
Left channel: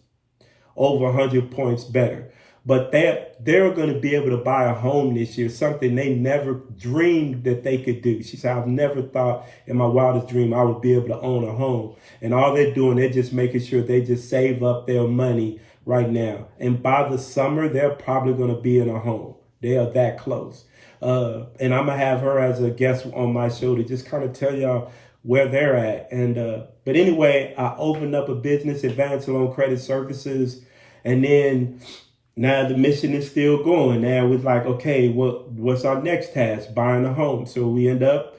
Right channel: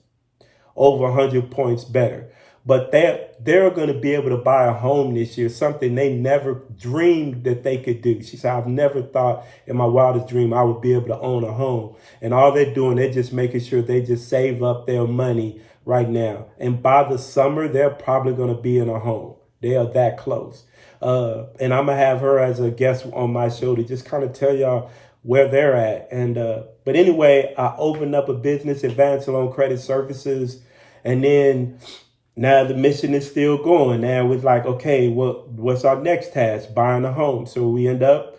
over 100 points better. But they're going to be able to buy a home this year, something they never dreamed that they could do. She said, I've never thought in my wildest dream I would be able to own a home. And all they're doing, they're just making sure they just save up their money right now. And by the summer, they're probably going to be in a home. They are that close. And I'm gonna have her as a guest on my show to just kind of tell y'all where they're at. And but anyway, I opened up a business, Advanceloancredit Services, and then now the mission is still going. Now it's like, okay, what's our next task? Buying a home. So we end up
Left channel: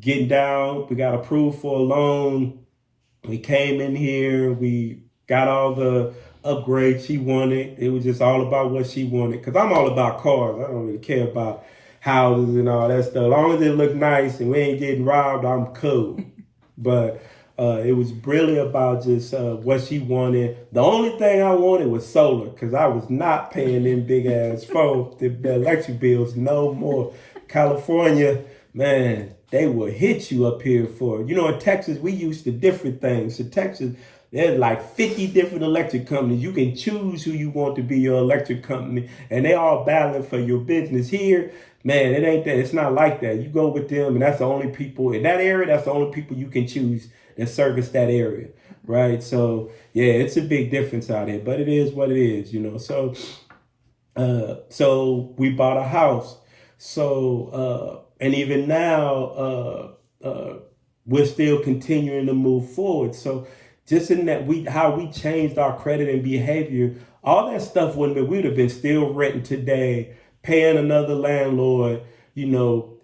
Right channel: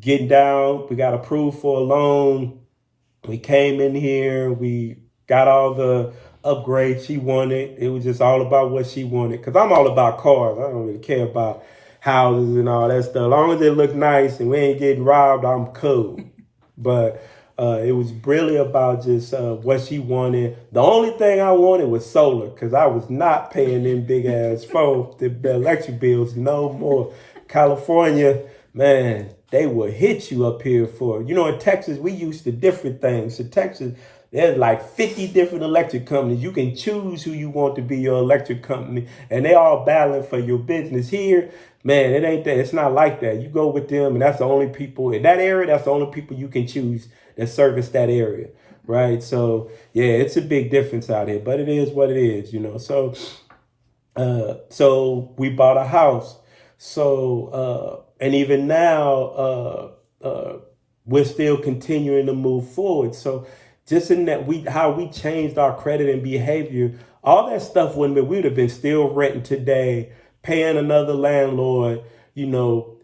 getting down. We got approved for a loan. We came in here. We got all the upgrades she wanted. It was just all about what she wanted. Because I'm all about cars. I don't really care about houses and all that stuff. As long as it look nice and we ain't getting robbed, I'm cool. But it was really about just what she wanted. The only thing I wanted was solar, because I was not paying them big ass phone, the electric bills no more. California, man, they will hit you up here for it. You know, in Texas, we used to different things. So Texas, there's like 50 different electric companies. You can choose who you want to be your electric company, and they all battling for your business. Here, man, it ain't that. It's not like that. You go with them, and that's the only people in that area. That's the only people you can choose that service that area, right? So yeah, it's a big difference out here, but it is what it is, you know. So we bought a house. So and even now, we're still continuing to move forward. So just in that how we changed our credit and behavior, all that stuff wouldn't be, we'd have been still renting today, paying another landlord, you know,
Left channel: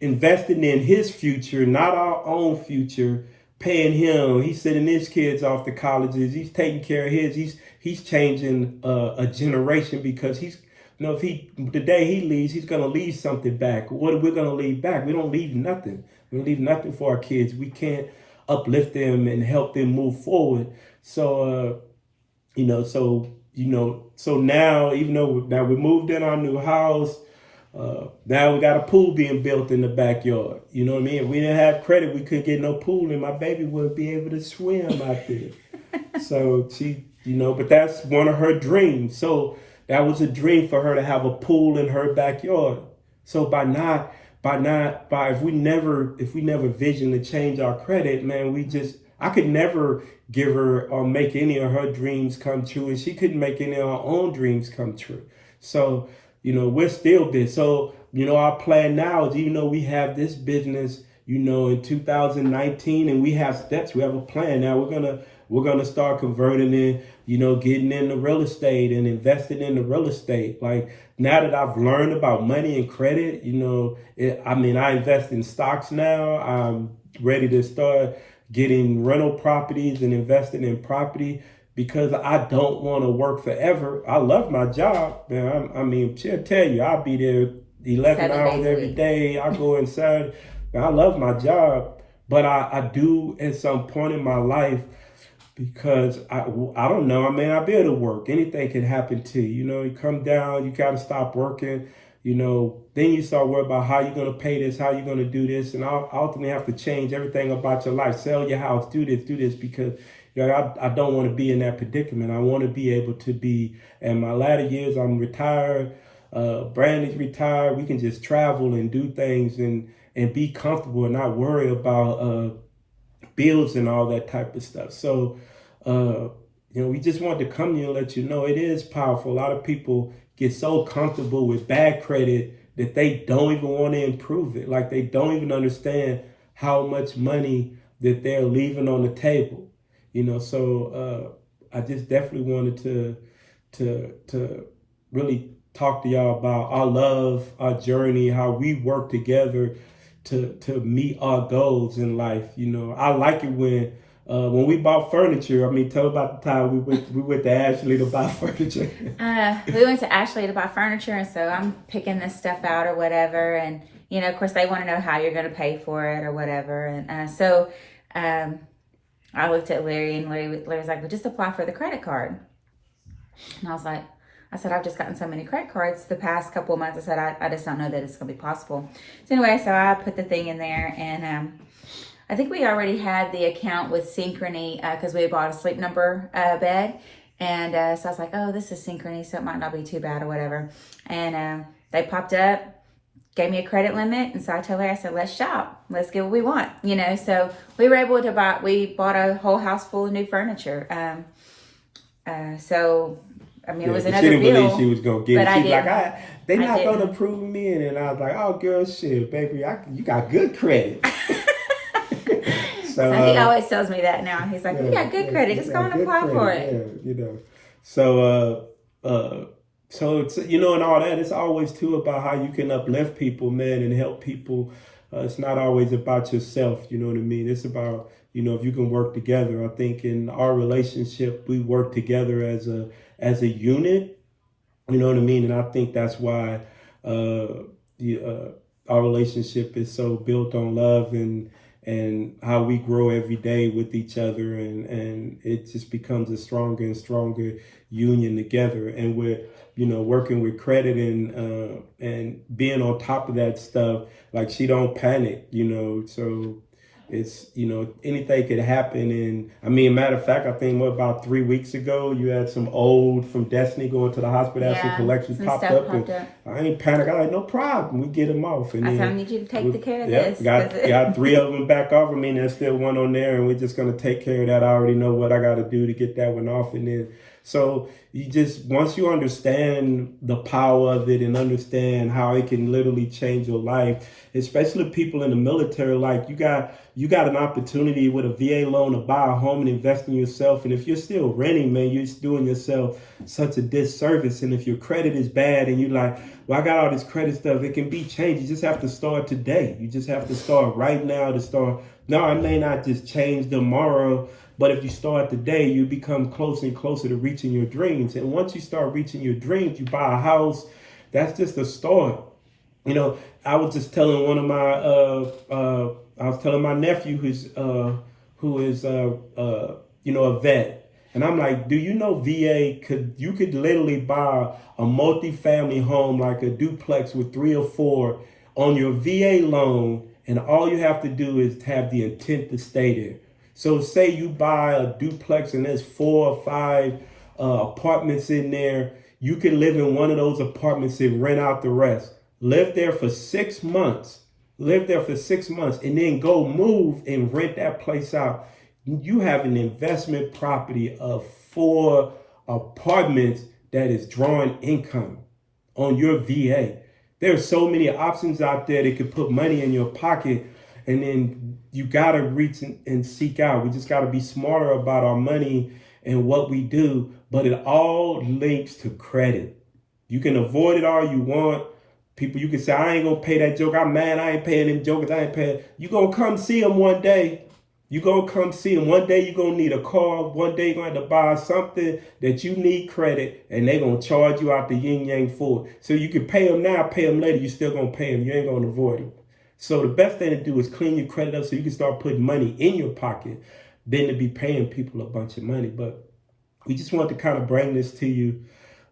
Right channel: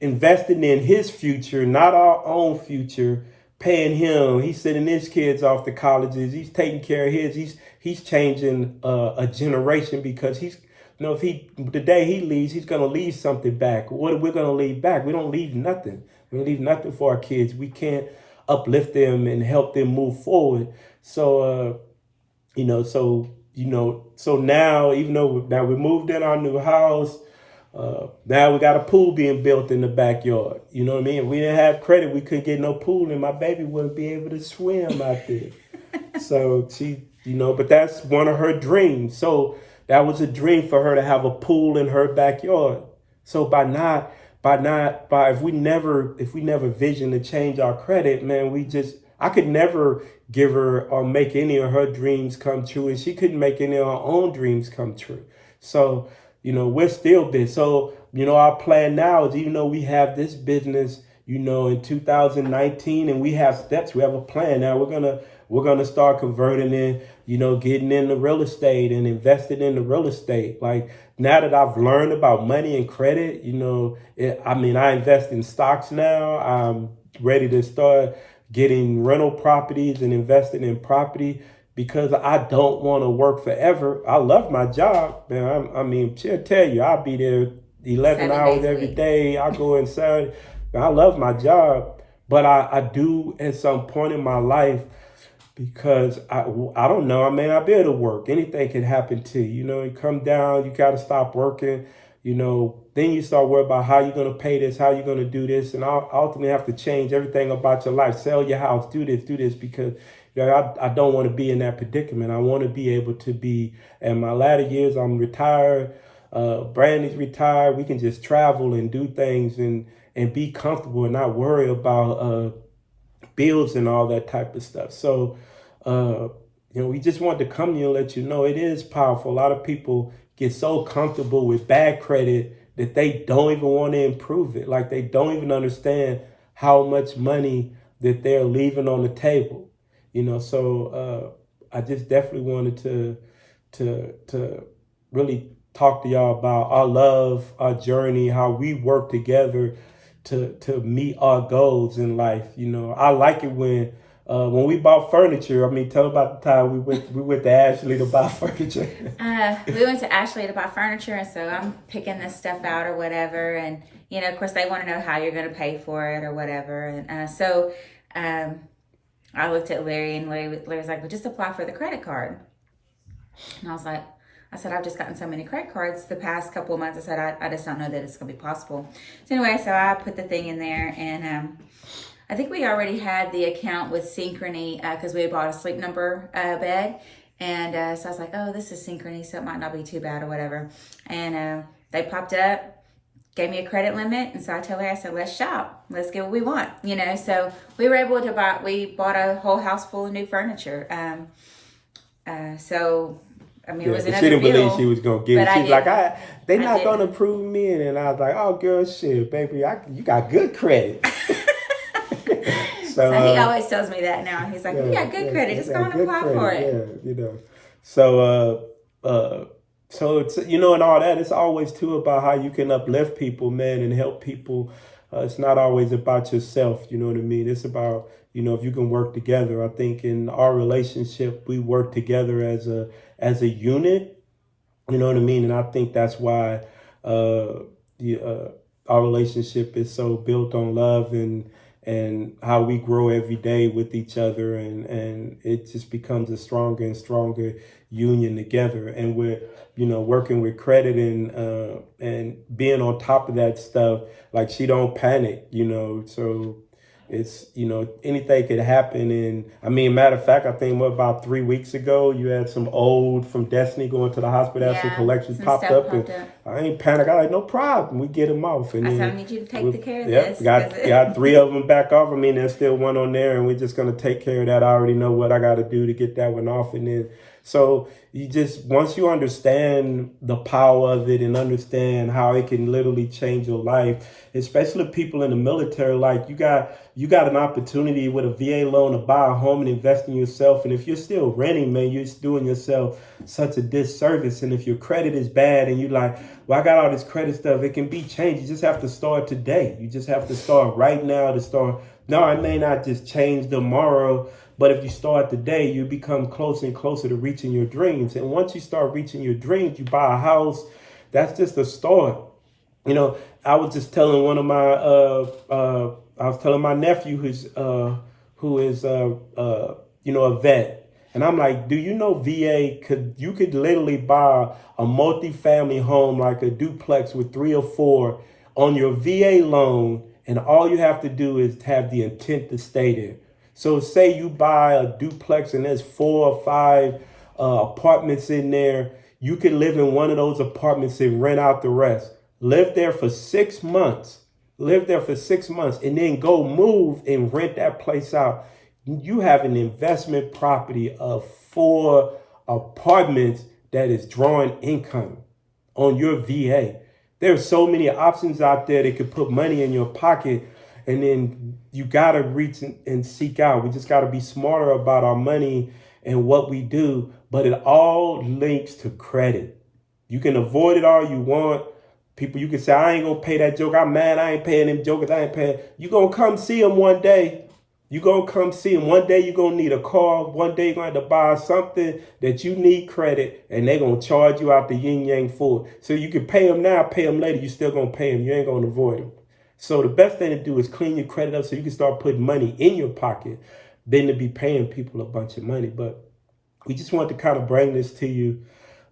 investing in his future, not our own future, paying him. He's sending his kids off to colleges. He's taking care of his. He's changing a generation, because he's, you know, if the day he leaves, he's gonna leave something back. What are we gonna leave back? We don't leave nothing. We don't leave nothing for our kids. We can't uplift them and help them move forward. So so now, even though now we moved in our new house, now we got a pool being built in the backyard. You know what I mean? If we didn't have credit, we couldn't get no pool, and my baby wouldn't be able to swim out there. So she, but that's one of her dreams. So that was a dream for her to have a pool in her backyard. So if we never vision to change our credit, man, I could never give her or make any of her dreams come true, and she couldn't make any of her own dreams come true. So, we're still big. So, our plan now is, even though we have this business, in 2019, and we have steps, we have a plan. Now we're gonna start converting in, getting into real estate and investing in the real estate. Like, now that I've learned about money and credit, I invest in stocks now. I'm ready to start getting rental properties and investing in property, because I don't want to work forever. I love my job, man. She'll tell you, I'll be there 11 hours every day. I go inside. I love my job, but I do at some point in my life, because I don't know. I may not be able to work. Anything can happen to you. You come down, you got to stop working. Then you start worrying about how you're going to pay this, how you're going to do this, and I'll ultimately have to change everything about your life. Sell your house, do this, because I don't want to be in that predicament. I want to be able to be, in my latter years, I'm retired. Brandon's retired. We can just travel and do things and be comfortable and not worry about bills and all that type of stuff. So, we just wanted to come here and let you know it is powerful. A lot of people get so comfortable with bad credit that they don't even want to improve it. Like, they don't even understand how much money that they're leaving on the table. So I just definitely wanted to really talk to y'all about our love, our journey, how we work together to meet our goals in life. I like it when we bought furniture. Tell about the time we went to Ashley to buy furniture. We went to Ashley to buy furniture, and so I'm picking this stuff out or whatever, and of course they want to know how you're going to pay for it or whatever, and so I looked at Larry, and Larry was like, "Well, just apply for the credit card." And I said, I've just gotten so many credit cards the past couple of months. I said, I just don't know that it's going to be possible. So anyway, so I put the thing in there, and I think we already had the account with Synchrony because we bought a Sleep Number bed. And so I was like, oh, this is Synchrony, so it might not be too bad or whatever. And they popped up, gave me a credit limit. And so I told her, I said, let's shop. Let's get what we want. So we were able to we bought a whole house full of new furniture. So I mean, it Yeah, was but she another didn't believe bill, she was gonna get but it. I She's like, didn't. they I not gonna didn't. approve me, and I was like, oh, girl, shit, baby, you got good credit. So So he always tells me that now. He's like, "You got good credit. you Just go got and good apply for credit, it." So so it's and all that. It's always too about how you can uplift people, man, and help people. It's not always about yourself. You know what I mean? It's about if you can work together. I think in our relationship, we work together as a unit. You know what I mean? And I think that's why the our relationship is so built on love and how we grow every day with each other, and it just becomes a stronger and stronger union together. And we're working with credit and being on top of that stuff. Like, she don't panic, so it's anything could happen. And I mean, matter of fact, I think about 3 weeks ago you had some old from Destiny going to the hospital, had some Yeah, collections some popped stuff up, popped and up. I ain't panic. I like, no problem, we get them off. And I said, "I then need you to take the care of yep, this." got 3 of them back off. I mean, there's still one on there, and we're just gonna take care of that. I already know what I got to do to get that one off. And then so you just, once you understand the power of it and understand how it can literally change your life, especially people in the military, like you got an opportunity with a VA loan to buy a home and invest in yourself. And if you're still renting, man, you're doing yourself such a disservice. And if your credit is bad and you're like, well, I got all this credit stuff, it can be changed. You just have to start today. You just have to start right now to start. No, it may not just change tomorrow, but if you start today, you become closer and closer to reaching your dreams. And once you start reaching your dreams, you buy a house. That's just a start. I was just telling one of my I was telling my nephew who is a vet, and I'm like, do you know VA could literally buy a multi-family home, like a duplex with 3 or 4 on your VA loan, and all you have to do is have the intent to stay there. So say you buy a duplex and there's 4 or 5 apartments in there. You can live in one of those apartments and rent out the rest. Live there for 6 months. Live there for 6 months and then go move and rent that place out. You have an investment property of 4 apartments that is drawing income on your VA. There are so many options out there that could put money in your pocket, and then you got to reach and seek out. We just got to be smarter about our money and what we do, but it all links to credit. You can avoid it all you want. People, you can say, I ain't gonna pay that joke. I'm mad. I ain't paying them jokers. I ain't paying. You gonna come see them one day. You gonna come see them one day. You gonna need a car. One day you gonna have to buy something that you need credit, and they gonna charge you out the yin yang for it. So you can pay them now, pay them later. You still gonna pay them. You ain't gonna avoid them. So the best thing to do is clean your credit up so you can start putting money in your pocket, than to be paying people a bunch of money. But we just want to kind of bring this to you,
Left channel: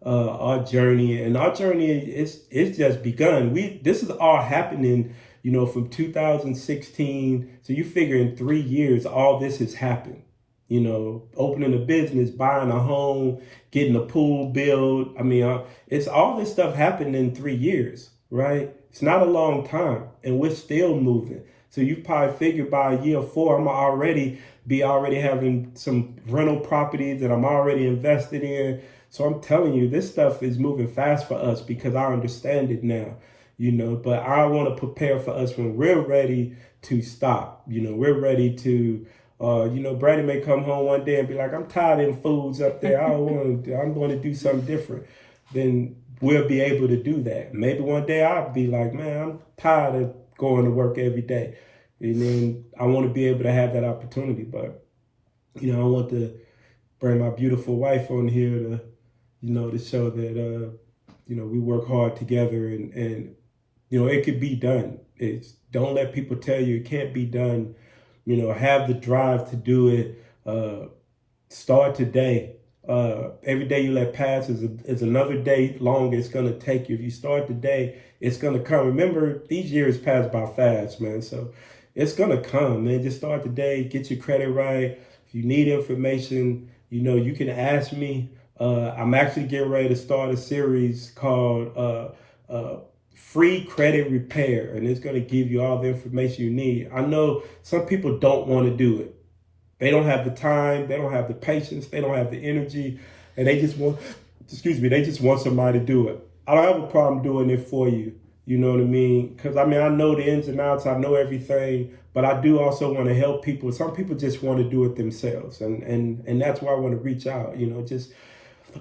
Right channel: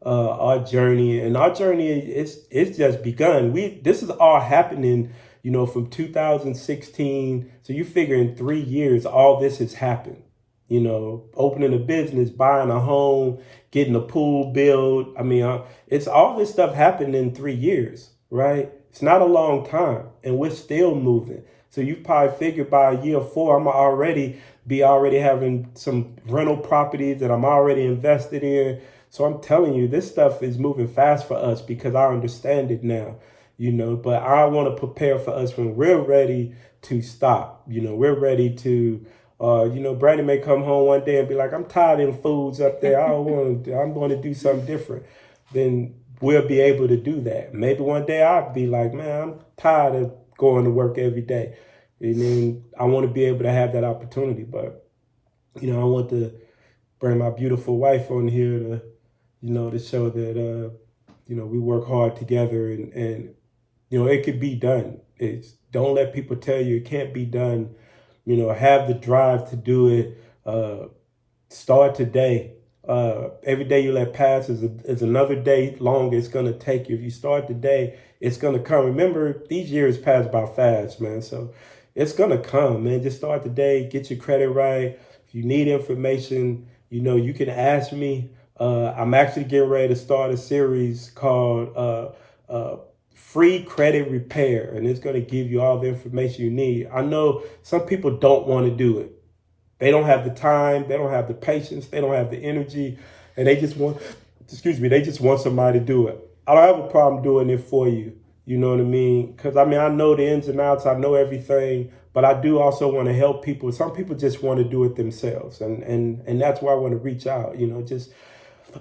our journey it's just begun. This is all happening, from 2016. So you figure in 3 years, all this has happened. Opening a business, buying a home, getting a pool built. I mean, it's all this stuff happened in 3 years, right? It's not a long time, and we're still moving. So you probably figured by year 4, I'm already having some rental properties that I'm already invested in. So I'm telling you, this stuff is moving fast for us because I understand it now, but I want to prepare for us when we're ready to stop. We're ready to, Brandon may come home one day and be like, I'm tired of them foods up there. I'm going to do something different. Then we'll be able to do that. Maybe one day I'll be like, man, I'm tired of going to work every day. And then I want to be able to have that opportunity. But, I want to bring my beautiful wife on here to show that, we work hard together and it could be done. Don't let people tell you it can't be done. Have the drive to do it. Start today. Every day you let pass is another day longer it's going to take you. If you start today, it's going to come. Remember, these years pass by fast, man. So it's going to come, man. Just start today. Get your credit right. If you need information, you can ask me. I'm actually getting ready to start a series called Free Credit Repair, and it's going to give you all the information you need. I know some people don't want to do it. They don't have the time, they don't have the patience, they don't have the energy, and they just want they just want somebody to do it. I don't have a problem doing it for you. You know what I mean? Because I know the ins and outs, I know everything, but I do also want to help people. Some people just want to do it themselves, and that's why I want to reach out. Just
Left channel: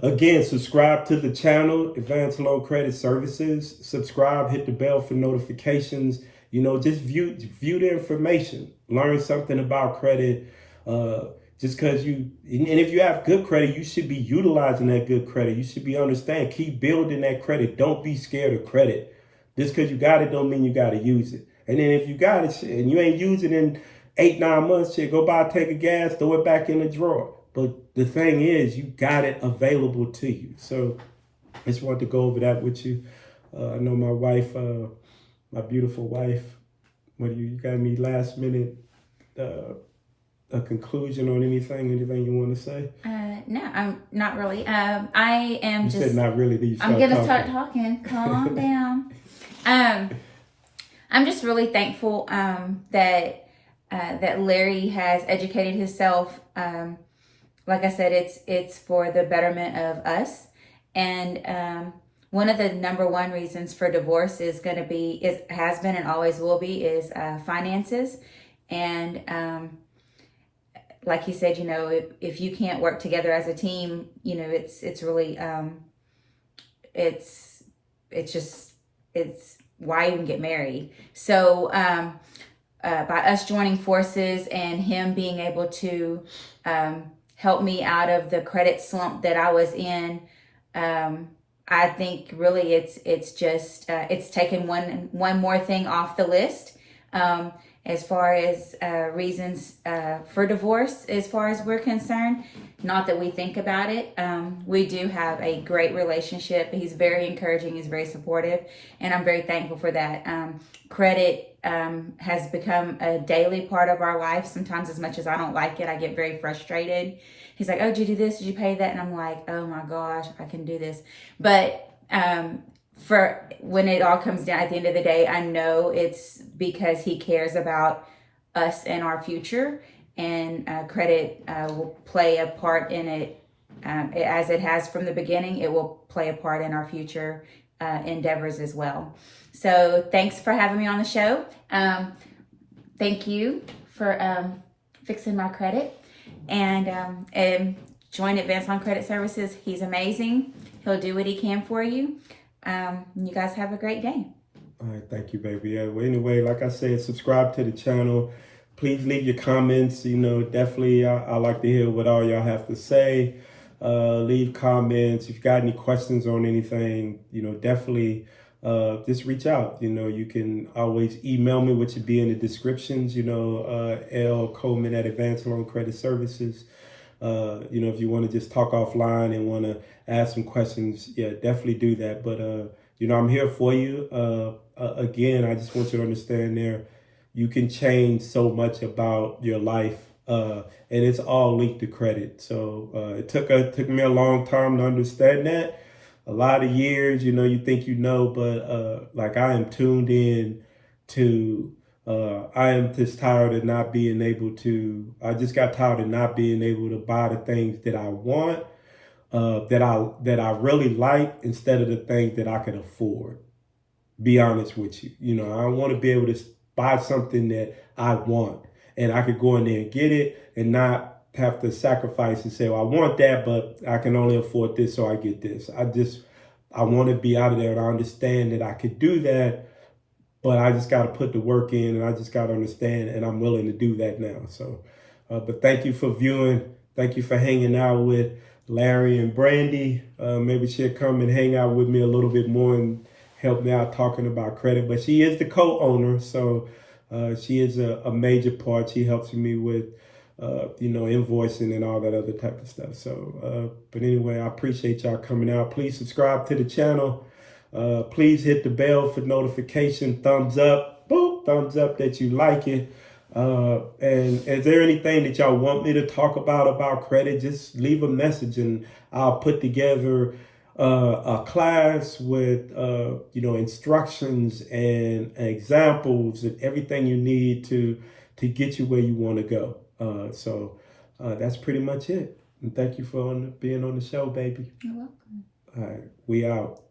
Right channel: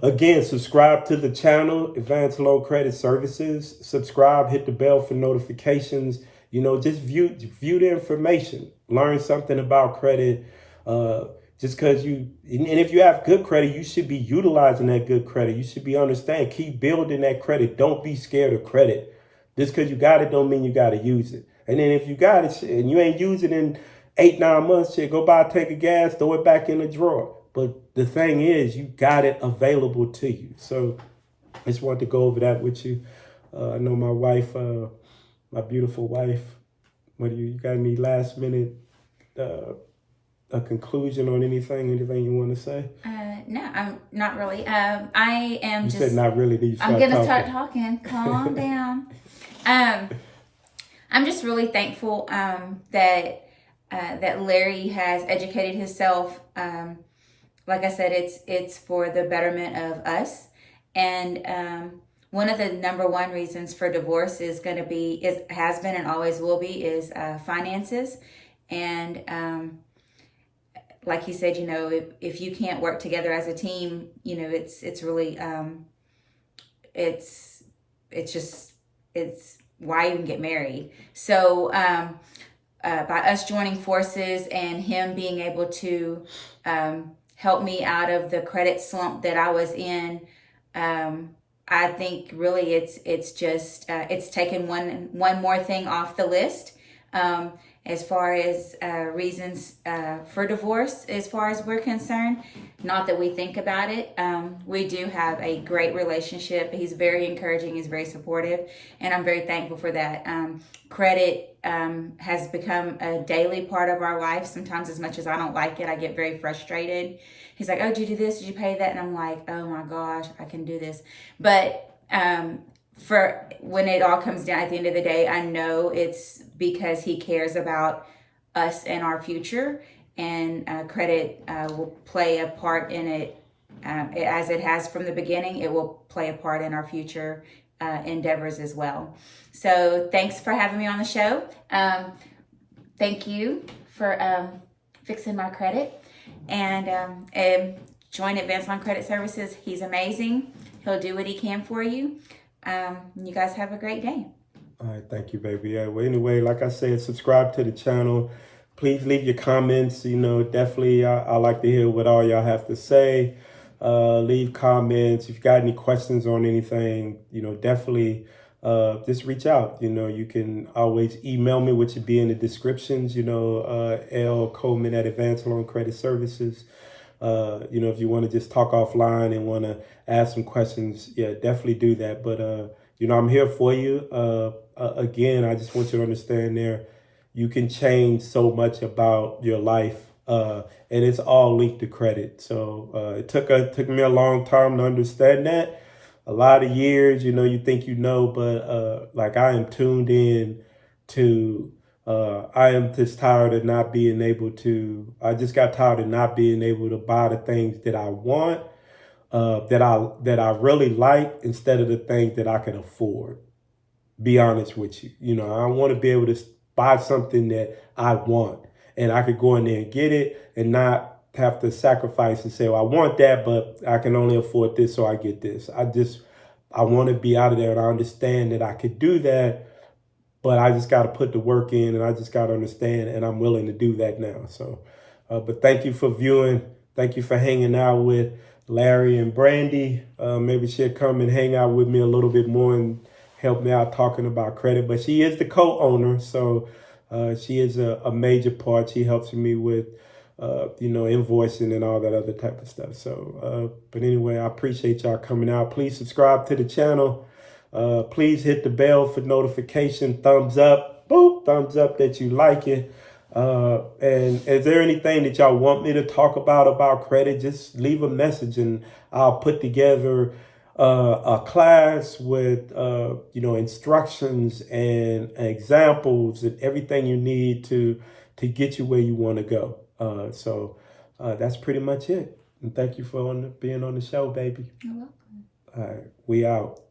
again, subscribe to the channel, Advanced Loan Credit Services. Subscribe, hit the bell for notifications. Just view the information, learn something about credit. Just because and if you have good credit, you should be utilizing that good credit. You should be understanding, keep building that credit. Don't be scared of credit. Just because you got it don't mean you got to use it. And then if you got it and you ain't using it in 8-9 months, go buy a tank of gas, throw it back in the drawer. But the thing is, you got it available to you. So I just wanted to go over that with you. I know my wife, my beautiful wife, what do you got any last minute a conclusion on anything you want to say? No, I'm not really. I am you just. Said not really. I'm gonna start talking. Calm down. I'm just really thankful that Larry has educated himself. Like I said, it's for the betterment of us, and one of the number one reasons for divorce has been and always will be is finances, and like he said, if you can't work together as a team, it's really it's why even get married. So by us joining forces and him being able to help me out of the credit slump that I was in, I think really it's just it's taken one more thing off the list as far as reasons for divorce, as far as we're concerned. Not that we think about it. We do have a great relationship. He's very encouraging. He's very supportive. And I'm very thankful for that. Credit has become a daily part of our life. Sometimes as much as I don't like it, I get very frustrated. He's like, oh, did you do this? Did you pay that? And I'm like, oh my gosh, I can do this. But for when it all comes down at the end of the day, I know it's because he cares about us and our future, and credit will play a part in it as it has from the beginning. It will play a part in our future endeavors as well. So thanks for having me on the show. Thank you for fixing my credit, and join Advanceloancredit Services. He's amazing. He'll do what he can for you. You guys have a great day. All right, thank you, baby. Yeah, well, anyway, like I said, subscribe to the channel. Please leave your comments. Definitely, I like to hear what all y'all have to say. Leave comments. If you got any questions on anything, definitely just reach out. You can always email me, which would be in the descriptions. lcoleman at Advanceloancredit Services. If you want to just talk offline and want to ask some questions, yeah, definitely do that. But, I'm here for you. Again, I just want you to understand you can change so much about your life, and it's all linked to credit. So it took me a long time to understand that. A lot of years, you think but like I am tuned in to I am just tired of not being able to. I just got tired of not being able to buy the things that I want, that I really like, instead of the things that I can afford. Be honest with you. I want to be able to buy something that I want, and I could go in there and get it, and not have to sacrifice and say, well, I want that, but I can only afford this, so I get this. I want to be out of there, and I understand that I could do that. But I just got to put the work in, and I just got to understand, and I'm willing to do that now. So, but thank you for viewing. Thank you for hanging out with Larry and Brandy. Maybe she'll come and hang out with me a little bit more and help me out talking about credit. But she is the co-owner, so she is a major part. She helps me with, invoicing and all that other type of stuff. So, but anyway, I appreciate y'all coming out. Please subscribe to the channel. Please hit the bell for notification. Thumbs up, boop, thumbs up that you like it. And is there anything that y'all want me to talk about credit? Just leave a message, and I'll put together a class with instructions and examples and everything you need to get you where you want to go. So that's pretty much it. And thank you for being on the show, baby. You're welcome. All right, we out.